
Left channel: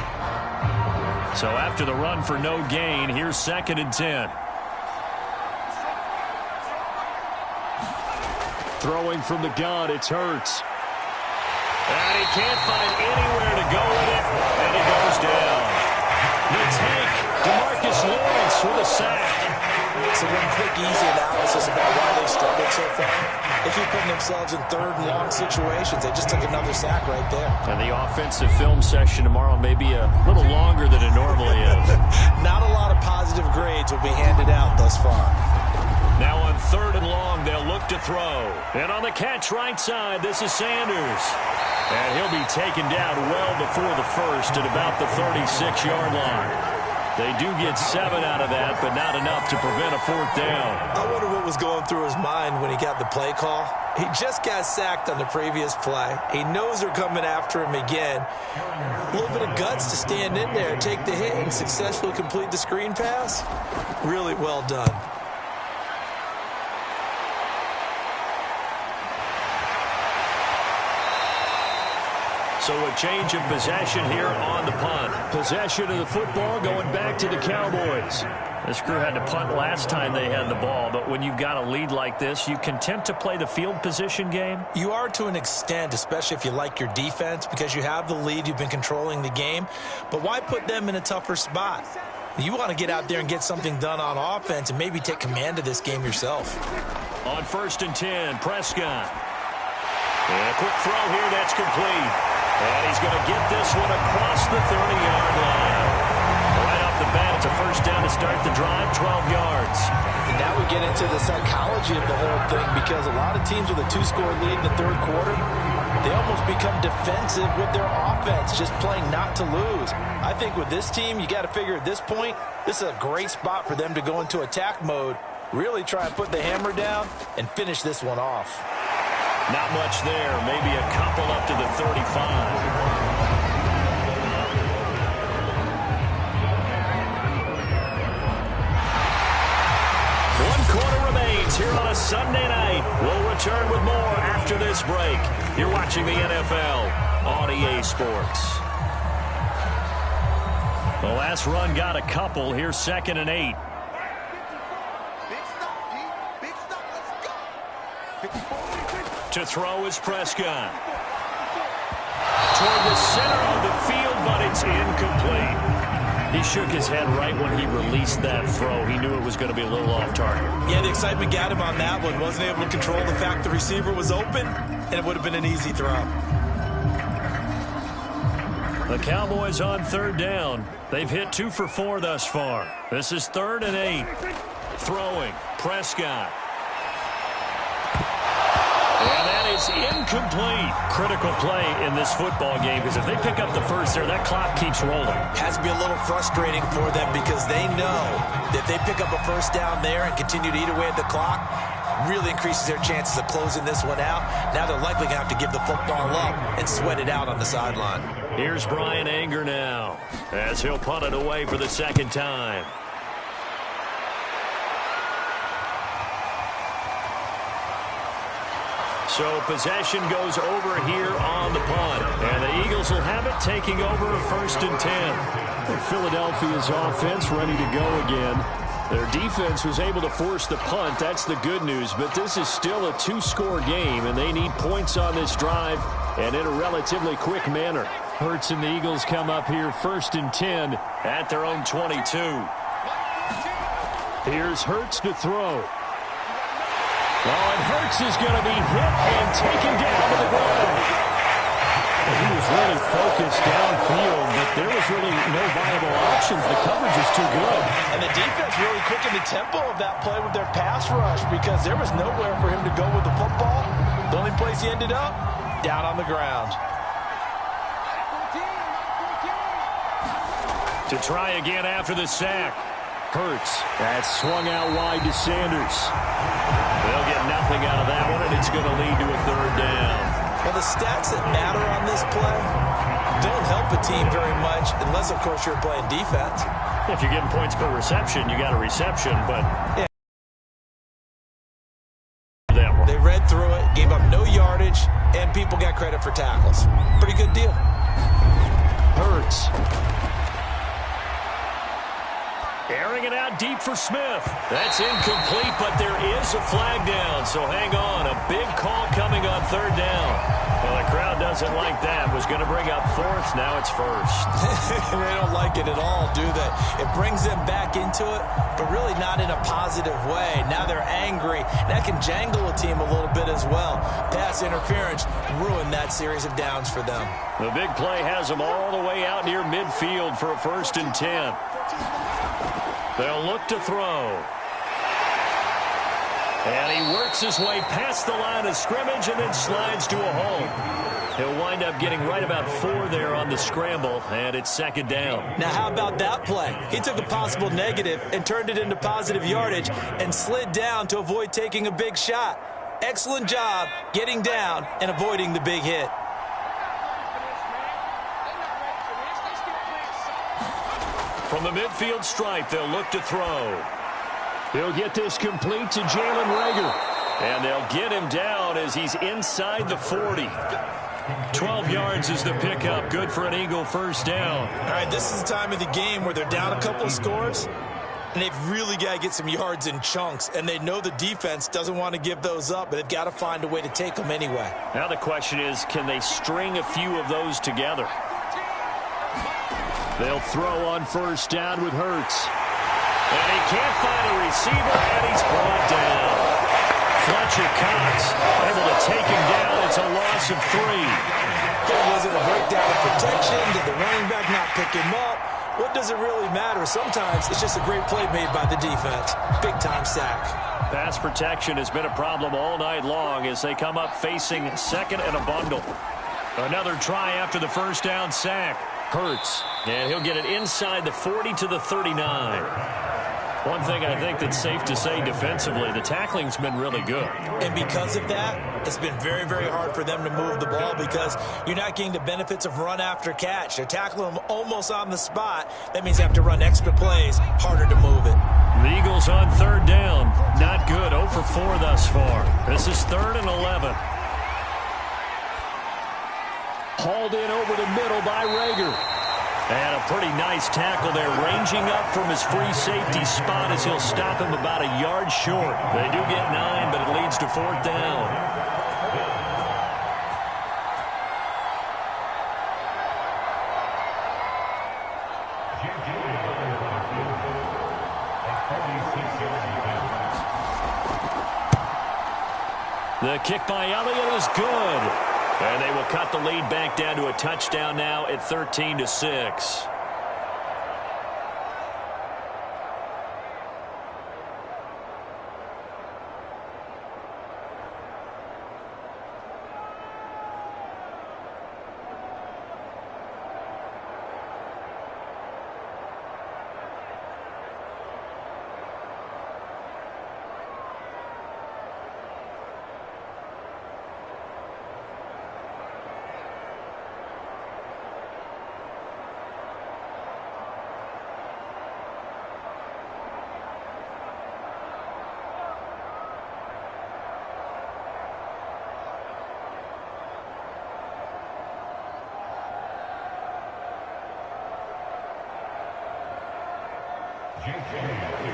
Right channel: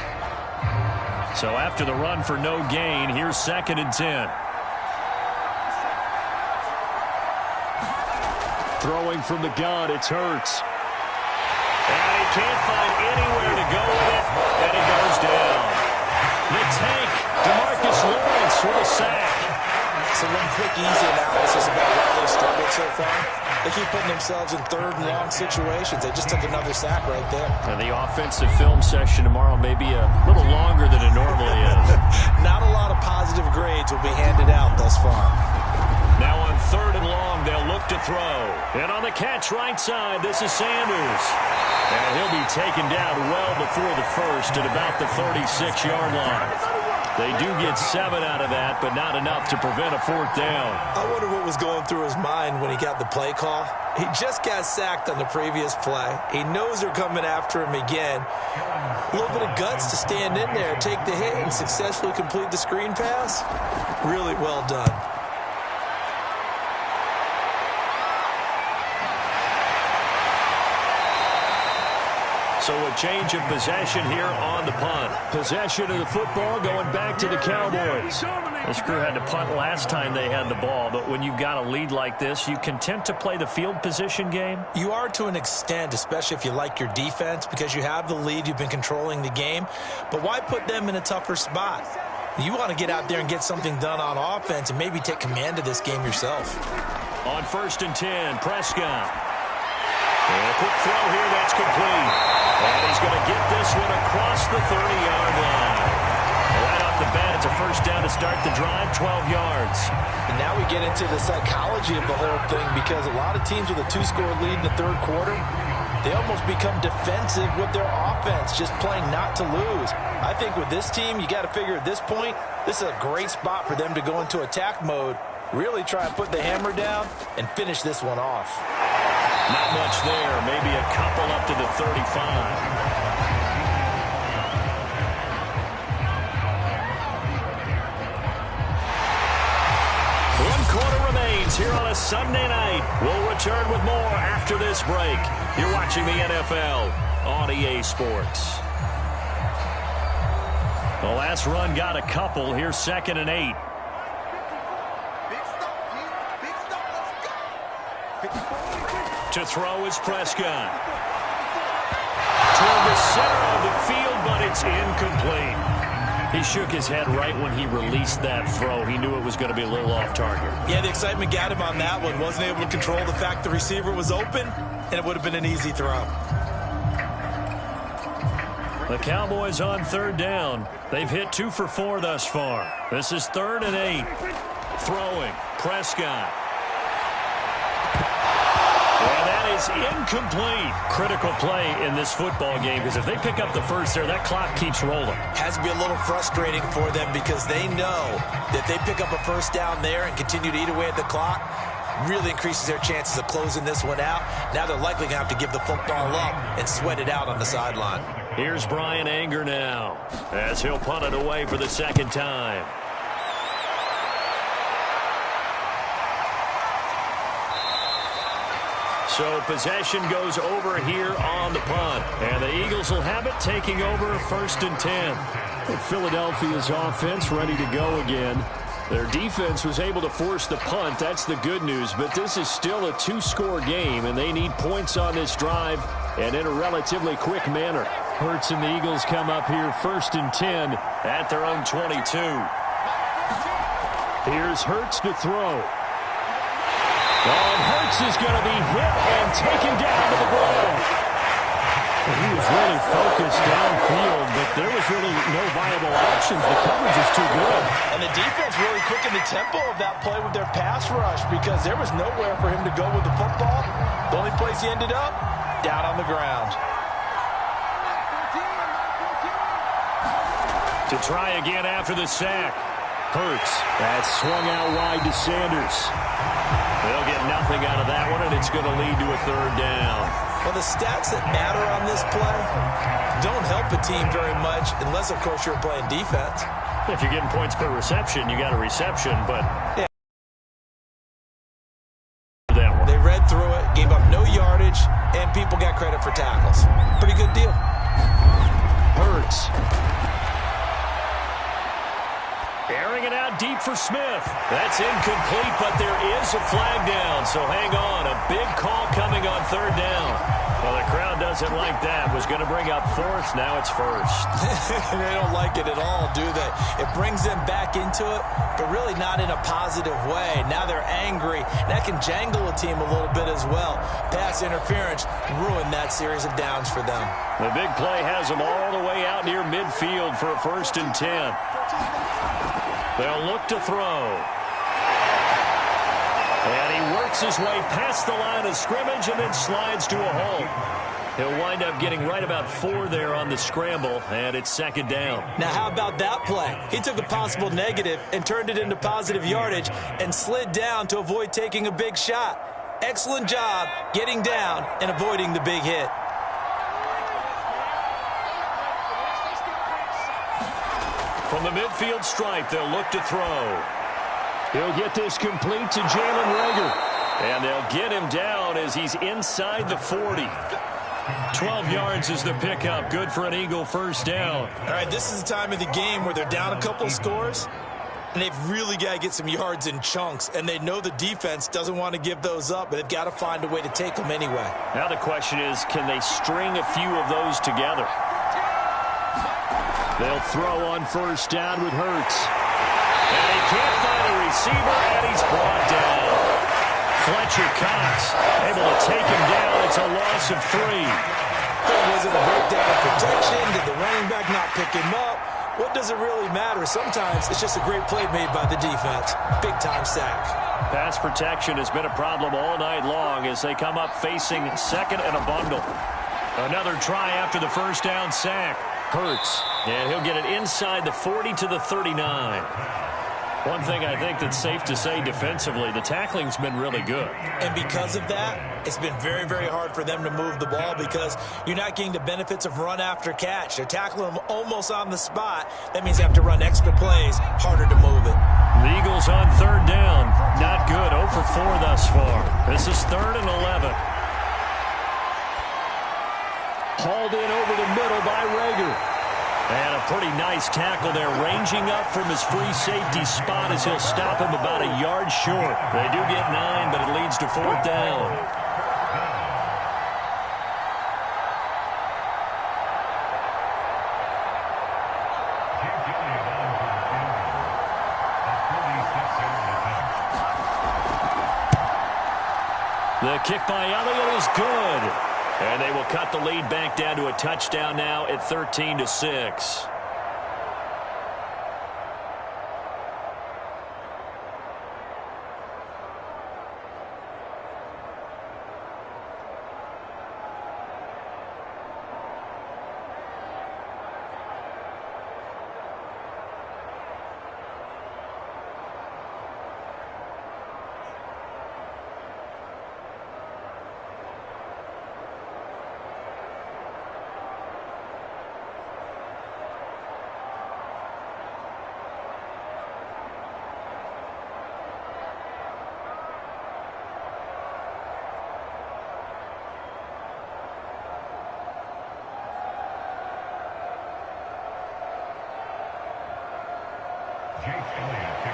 So after the run for no gain, here's 2nd and 10. Throwing from the gun, it's Hurts. And he can't find anywhere to go with it, and he goes down. The tank, DeMarcus Lawrence with a sack. So one quick, easy analysis about why they struggled so far. They keep putting themselves in 3rd and long situations. They just took another sack right there. And the offensive film session tomorrow may be a little longer than it normally is. Not a lot of positive grades will be handed out thus far. Now on 3rd and long, they'll look to throw. And on the catch right side, this is Sanders. And he'll be taken down well before the 1st at about the 36-yard line. They do get 7 out of that, but not enough to prevent a 4th down. I wonder what was going through his mind when he got the play call. He just got sacked on the previous play. He knows they're coming after him again. A little bit of guts to stand in there, take the hit, and successfully complete the screen pass. Really well done. So a change of possession here on the punt. Possession of the football going back to the Cowboys. This crew had to punt last time they had the ball, but when you've got a lead like this, you content to play the field position game? You are to an extent, especially if you like your defense, because you have the lead, you've been controlling the game. But why put them in a tougher spot? You want to get out there and get something done on offense and maybe take command of this game yourself. On 1st and 10, Prescott. And a quick throw here, that's complete. And he's going to get this one across the 30-yard line. Right off the bat, it's a 1st down to start the drive, 12 yards. And now we get into the psychology of the whole thing, because a lot of teams with a 2-score lead in the 3rd quarter, they almost become defensive with their offense, just playing not to lose. I think with this team, you got to figure at this point, this is a great spot for them to go into attack mode, really try and put the hammer down and finish this one off. Not much there. Maybe a couple up to the 35. games here on a Sunday night. We'll return with more after this break. You're watching the NFL on EA Sports. The last run got a couple. Here's 2nd and 8. To throw is Prescott. Toward the center of the field, but it's incomplete. He shook his head right when he released that throw. He knew it was going to be a little off target. Yeah, the excitement got him on that one. Wasn't able to control the fact the receiver was open, and it would have been an easy throw. The Cowboys on 3rd down. They've hit 2 for 4 thus far. This is 3rd and 8. Throwing, Prescott. And that is incomplete. Critical play in this football game, because if they pick up the first there, that clock keeps rolling. Has to be a little frustrating for them because they know that they pick up a first down there and continue to eat away at the clock, really increases their chances of closing this one out. Now they're likely going to have to give the football up and sweat it out on the sideline. Here's Brian Anger now, as he'll punt it away for the 2nd time. So possession goes over here on the punt. And the Eagles will have it, taking over 1st and 10. Philadelphia's offense ready to go again. Their defense was able to force the punt. That's the good news. But this is still a 2-score game, and they need points on this drive and in a relatively quick manner. Hurts and the Eagles come up here 1st and 10 at their own 22. Here's Hurts to throw. Oh, and Hurts is going to be hit and taken down to the ground. And he was really focused downfield, but there was really no viable options. The coverage is too good. And the defense really quickened the tempo of that play with their pass rush because there was nowhere for him to go with the football. The only place he ended up, down on the ground. To try again after the sack. Hurts. That's swung out wide to Sanders. They'll get nothing out of that one, and it's going to lead to a 3rd down. Well, the stats that matter on this play don't help a team very much unless, of course, you're playing defense. If you're getting points per reception, you got a reception, but yeah. That one. They read through it, gave up no yardage, and people got credit for tackles. Pretty good deal. Hurts. Airing it out deep for Smith. That's incomplete, but there is a flag down, so hang on. A big call coming on 3rd down. Well, the crowd doesn't like that. Was going to bring up 4th. Now it's 1st. They don't like it at all, do they? It brings them back into it, but really not in a positive way. Now they're angry. That can jangle a team a little bit as well. Pass interference ruined that series of downs for them. The big play has them all the way out near midfield for a 1st and 10. They'll look to throw. And he works his way past the line of scrimmage and then slides to a hole. He'll wind up getting right about 4 there on the scramble, and it's 2nd down. Now, how about that play? He took a possible negative and turned it into positive yardage and slid down to avoid taking a big shot. Excellent job getting down and avoiding the big hit. From the midfield stripe, they'll look to throw. He'll get this complete to Jalen Reagor. And they'll get him down as he's inside the 40. 12 yards is the pickup. Good for an Eagle 1st down. All right, this is the time of the game where they're down a couple of scores, and they've really got to get some yards in chunks, and they know the defense doesn't want to give those up, but they've got to find a way to take them anyway. Now the question is, can they string a few of those together? They'll throw on 1st down with Hurts. And he can't find a receiver, and he's brought down. Fletcher Cox able to take him down. It's a loss of 3. Was it a breakdown of protection? Did the running back not pick him up? What does it really matter? Sometimes it's just a great play made by the defense. Big-time sack. Pass protection has been a problem all night long as they come up facing 2nd and a bundle. Another try after the 1st down sack. Hurts, and he'll get it inside the 40 to the 39. One thing I think that's safe to say defensively, the tackling's been really good. And because of that, it's been very, very hard for them to move the ball because you're not getting the benefits of run after catch. They're tackling them almost on the spot. That means they have to run extra plays, harder to move it. The Eagles Eagles on third down. Not good. 0 for 4 thus far. This is 3rd and 11. Hauled in over the middle by Rager. And a pretty nice tackle there, ranging up from his free safety spot as he'll stop him about a yard short. They do get 9, but it leads to 4th down. The kick by Elliott is good. And they will cut the lead back down to a touchdown now at 13-6.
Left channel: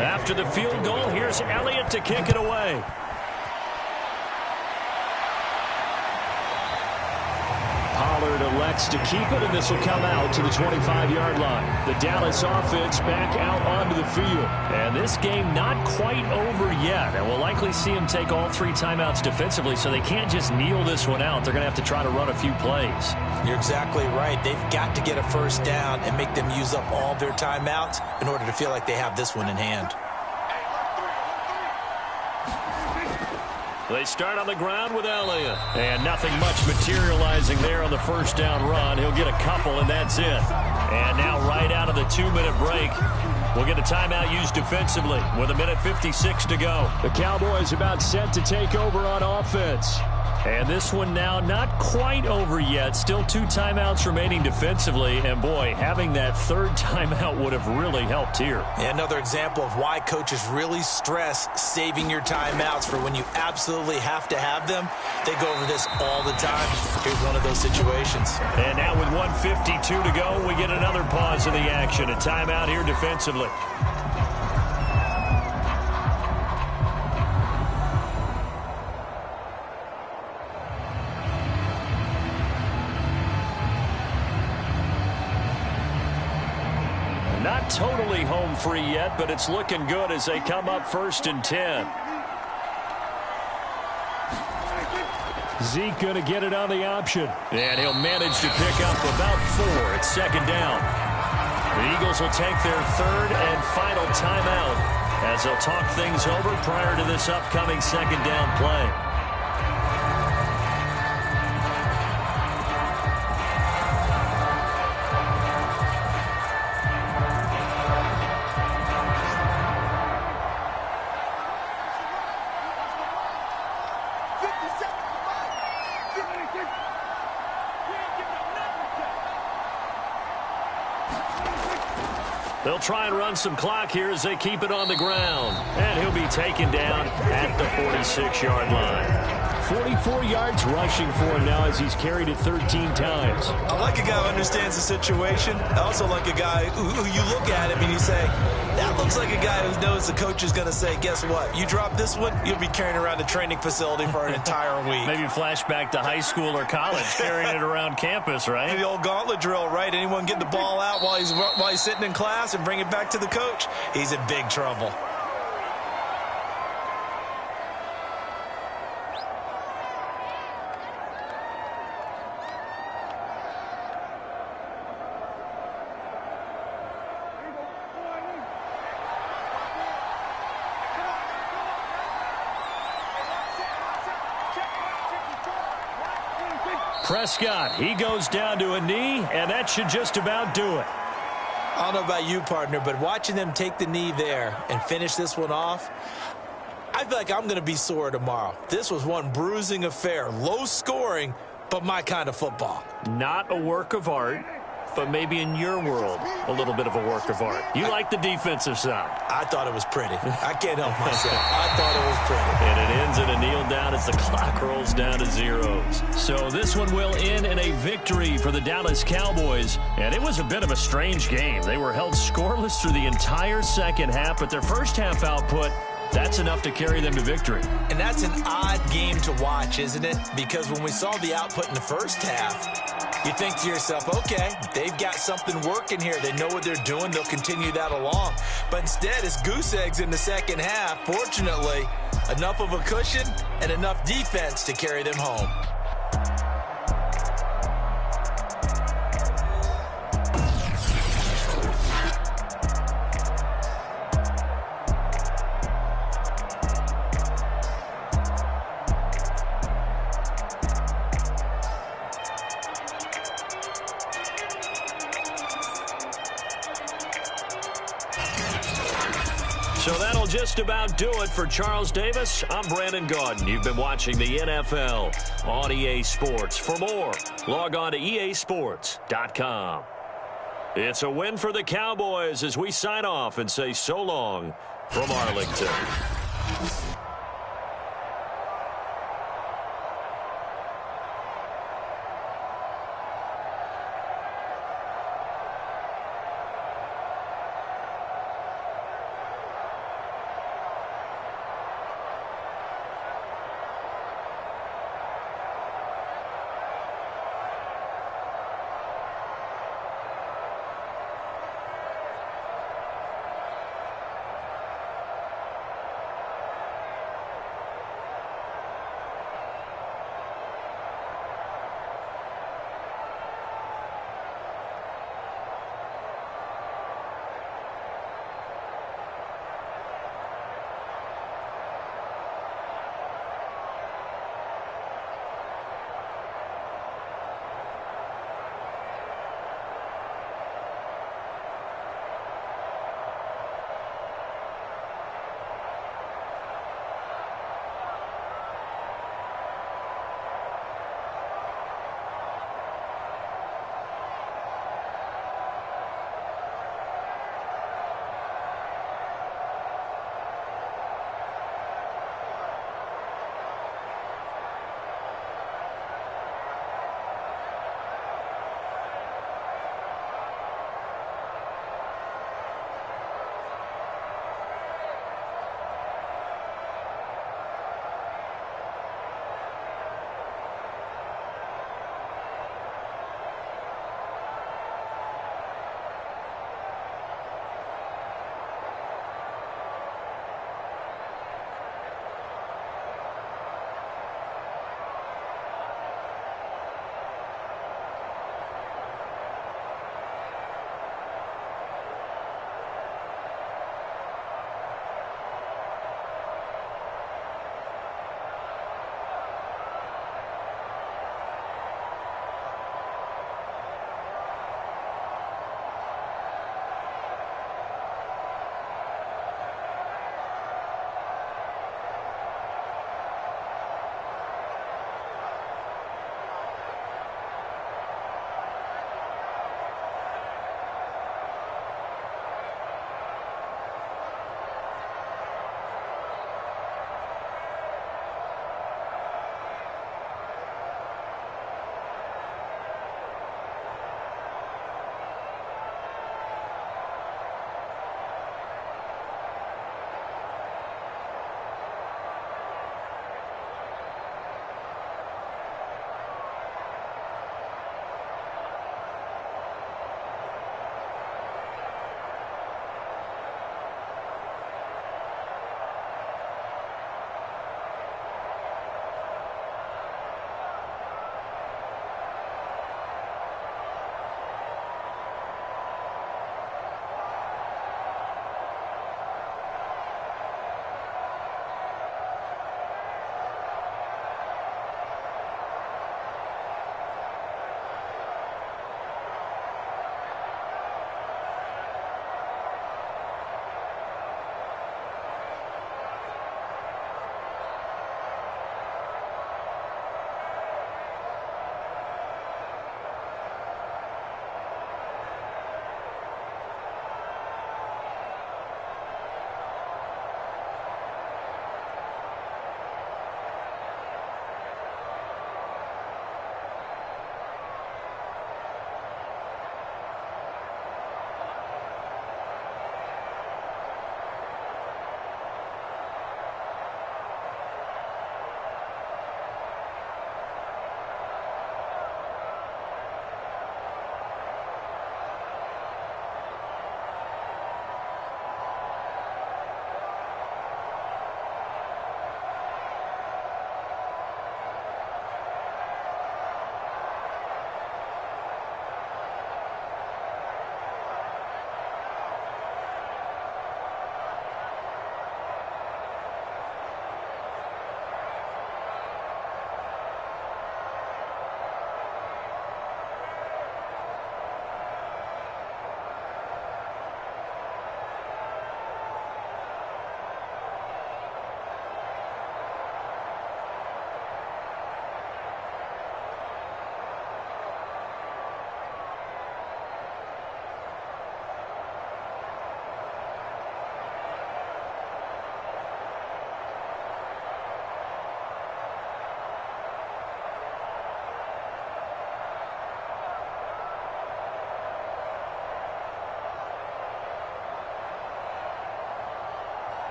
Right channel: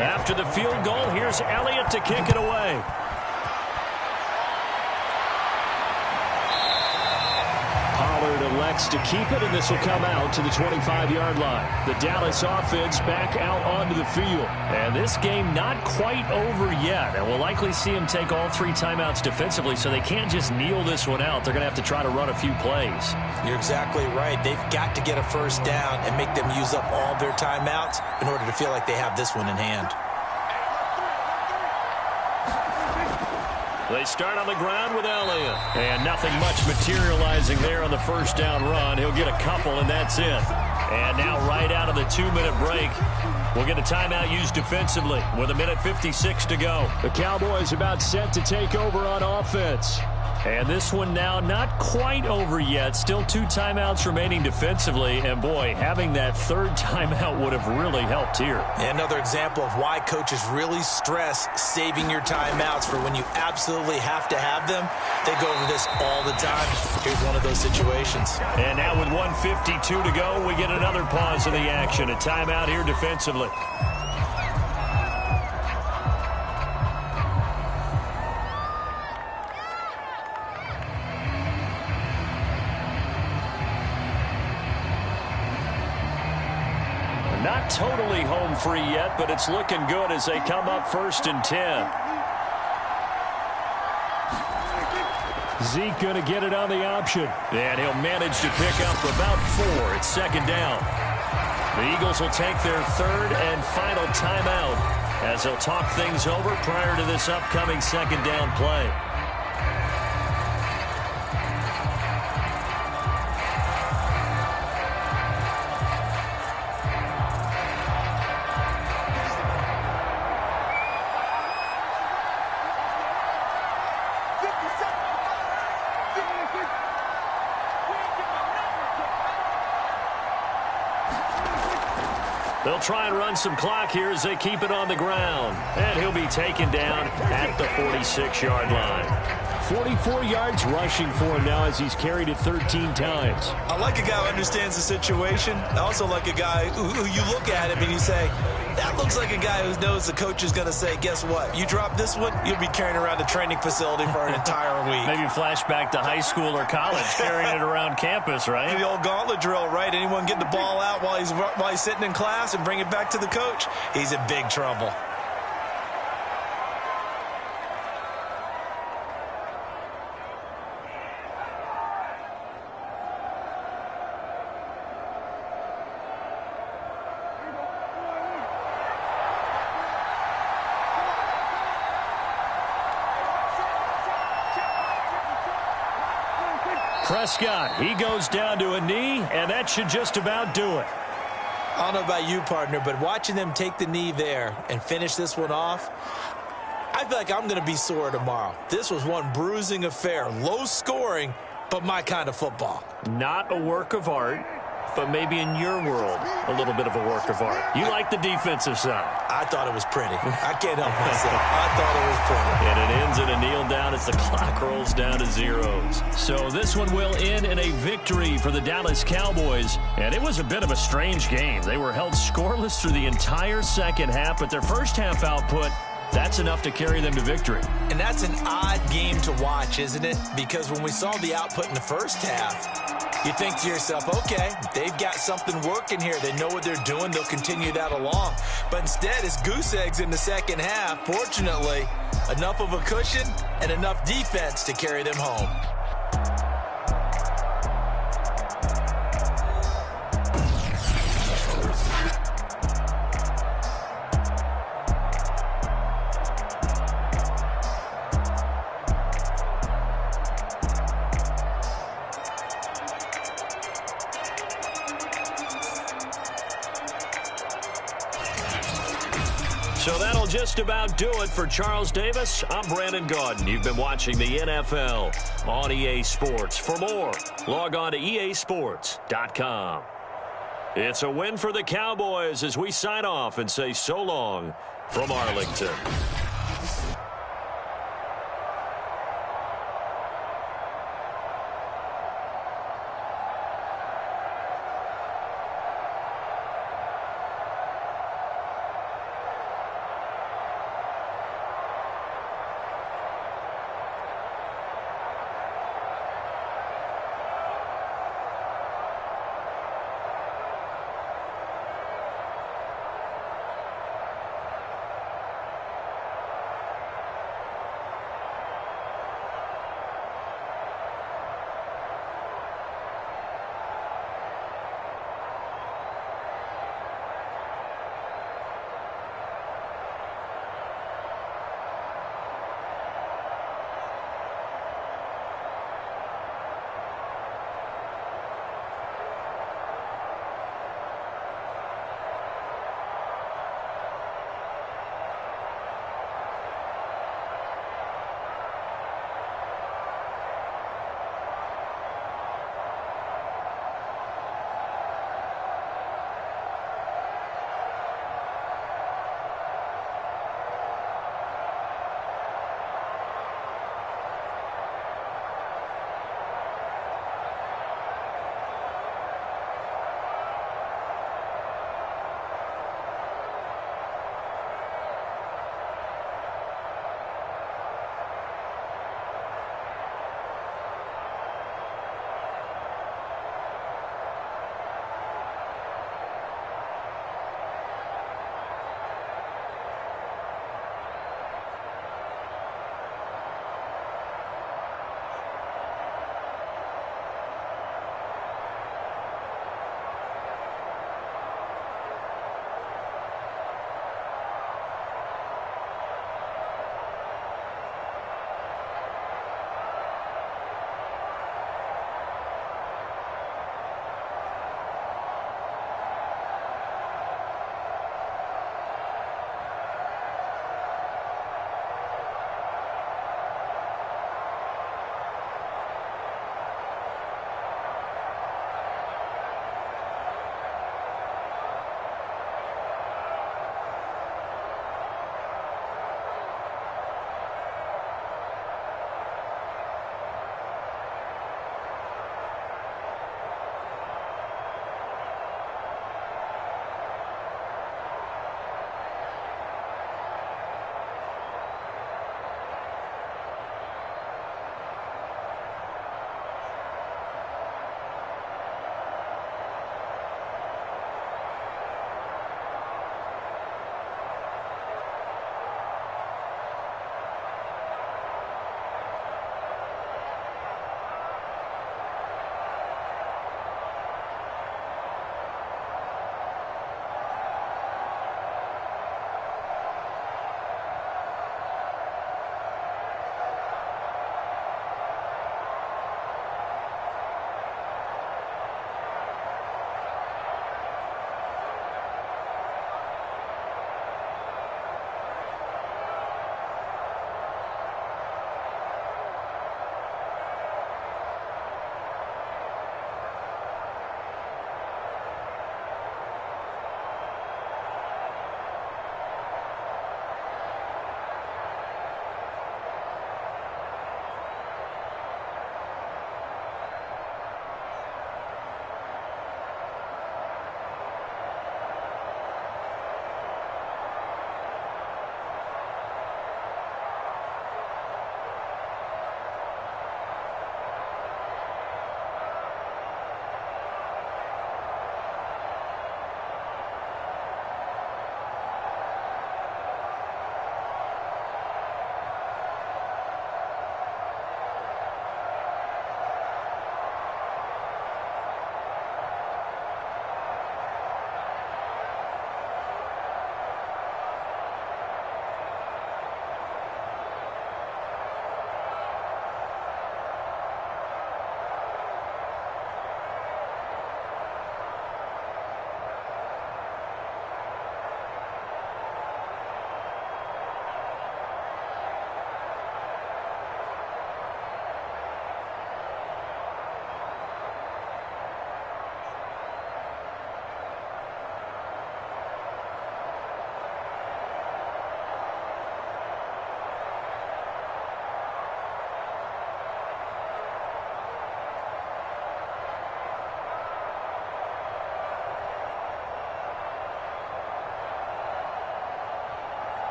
After the field goal, here's Elliott to kick it away. Pollard elects to keep it, and this will come out to the 25-yard line. The Dallas offense back out onto the field. And this game not quite over yet. And we'll likely see them take all 3 timeouts defensively, so they can't just kneel this one out. They're going to have to try to run a few plays. You're exactly right. They've got to get a first down and make them use up all their timeouts in order to feel like they have this one in hand. They start on the ground with Elliott. And nothing much materializing there on the first down run. He'll get a couple, and that's it. And now right out of the 2-minute break, we'll get a timeout used defensively with 1:56 to go. The Cowboys about set to take over on offense. And this one now not quite over yet. Still 2 timeouts remaining defensively. And, boy, having that 3rd timeout would have really helped here. Another example of why coaches really stress saving your timeouts for when you absolutely have to have them. They go over this all the time. Here's one of those situations. And now with 1:52 to go, we get another pause in the action. A timeout here defensively. Not totally home free yet, but it's looking good as they come up 1st and 10. Zeke going to get it on the option. And he'll manage to pick up about 4. It's 2nd down. The Eagles will take their 3rd and final timeout as they'll talk things over prior to this upcoming 2nd down play. They'll try and run some clock here as they keep it on the ground. And he'll be taken down at the 46-yard line. 44 yards rushing for him now as he's carried it 13 times. I like a guy who understands the situation. I also like a guy who you look at him and you say, that looks like a guy who knows the coach is going to say, guess what? You drop this one, you'll be carrying around a training facility for an entire week. Maybe flashback to high school or college, carrying it around campus, right? The old gauntlet drill, right? Anyone get the ball out while he's sitting in class and bring it back to the coach? He's in big trouble. Prescott, he goes down to a knee, and that should just about do it. I don't know about you, partner, but watching them take the knee there and finish this one off, I feel like I'm going to be sore tomorrow. This was one bruising affair. Low scoring, but my kind of football. Not a work of art. but maybe in your world, a little bit of a work of art. You like the defensive side. I thought it was pretty. I can't help myself. I thought it was pretty. And it ends in a kneel down as the clock rolls down to zeros. So this one will end in a victory for the Dallas Cowboys. And it was a bit of a strange game. They were held scoreless through the entire second half, but their first half output, that's enough to carry them to victory. And that's an odd game to watch, isn't it? Because when we saw the output in the first half, you think to yourself, okay, they've got something working here. They know what they're doing. They'll continue that along. But instead, it's goose eggs in the second half. Fortunately, enough of a cushion and enough defense to carry them home. So that'll just about do it for Charles Davis. I'm Brandon Gaudin. You've been watching the NFL on EA Sports. For more, log on to easports.com. It's a win for the Cowboys as we sign off and say so long from Arlington.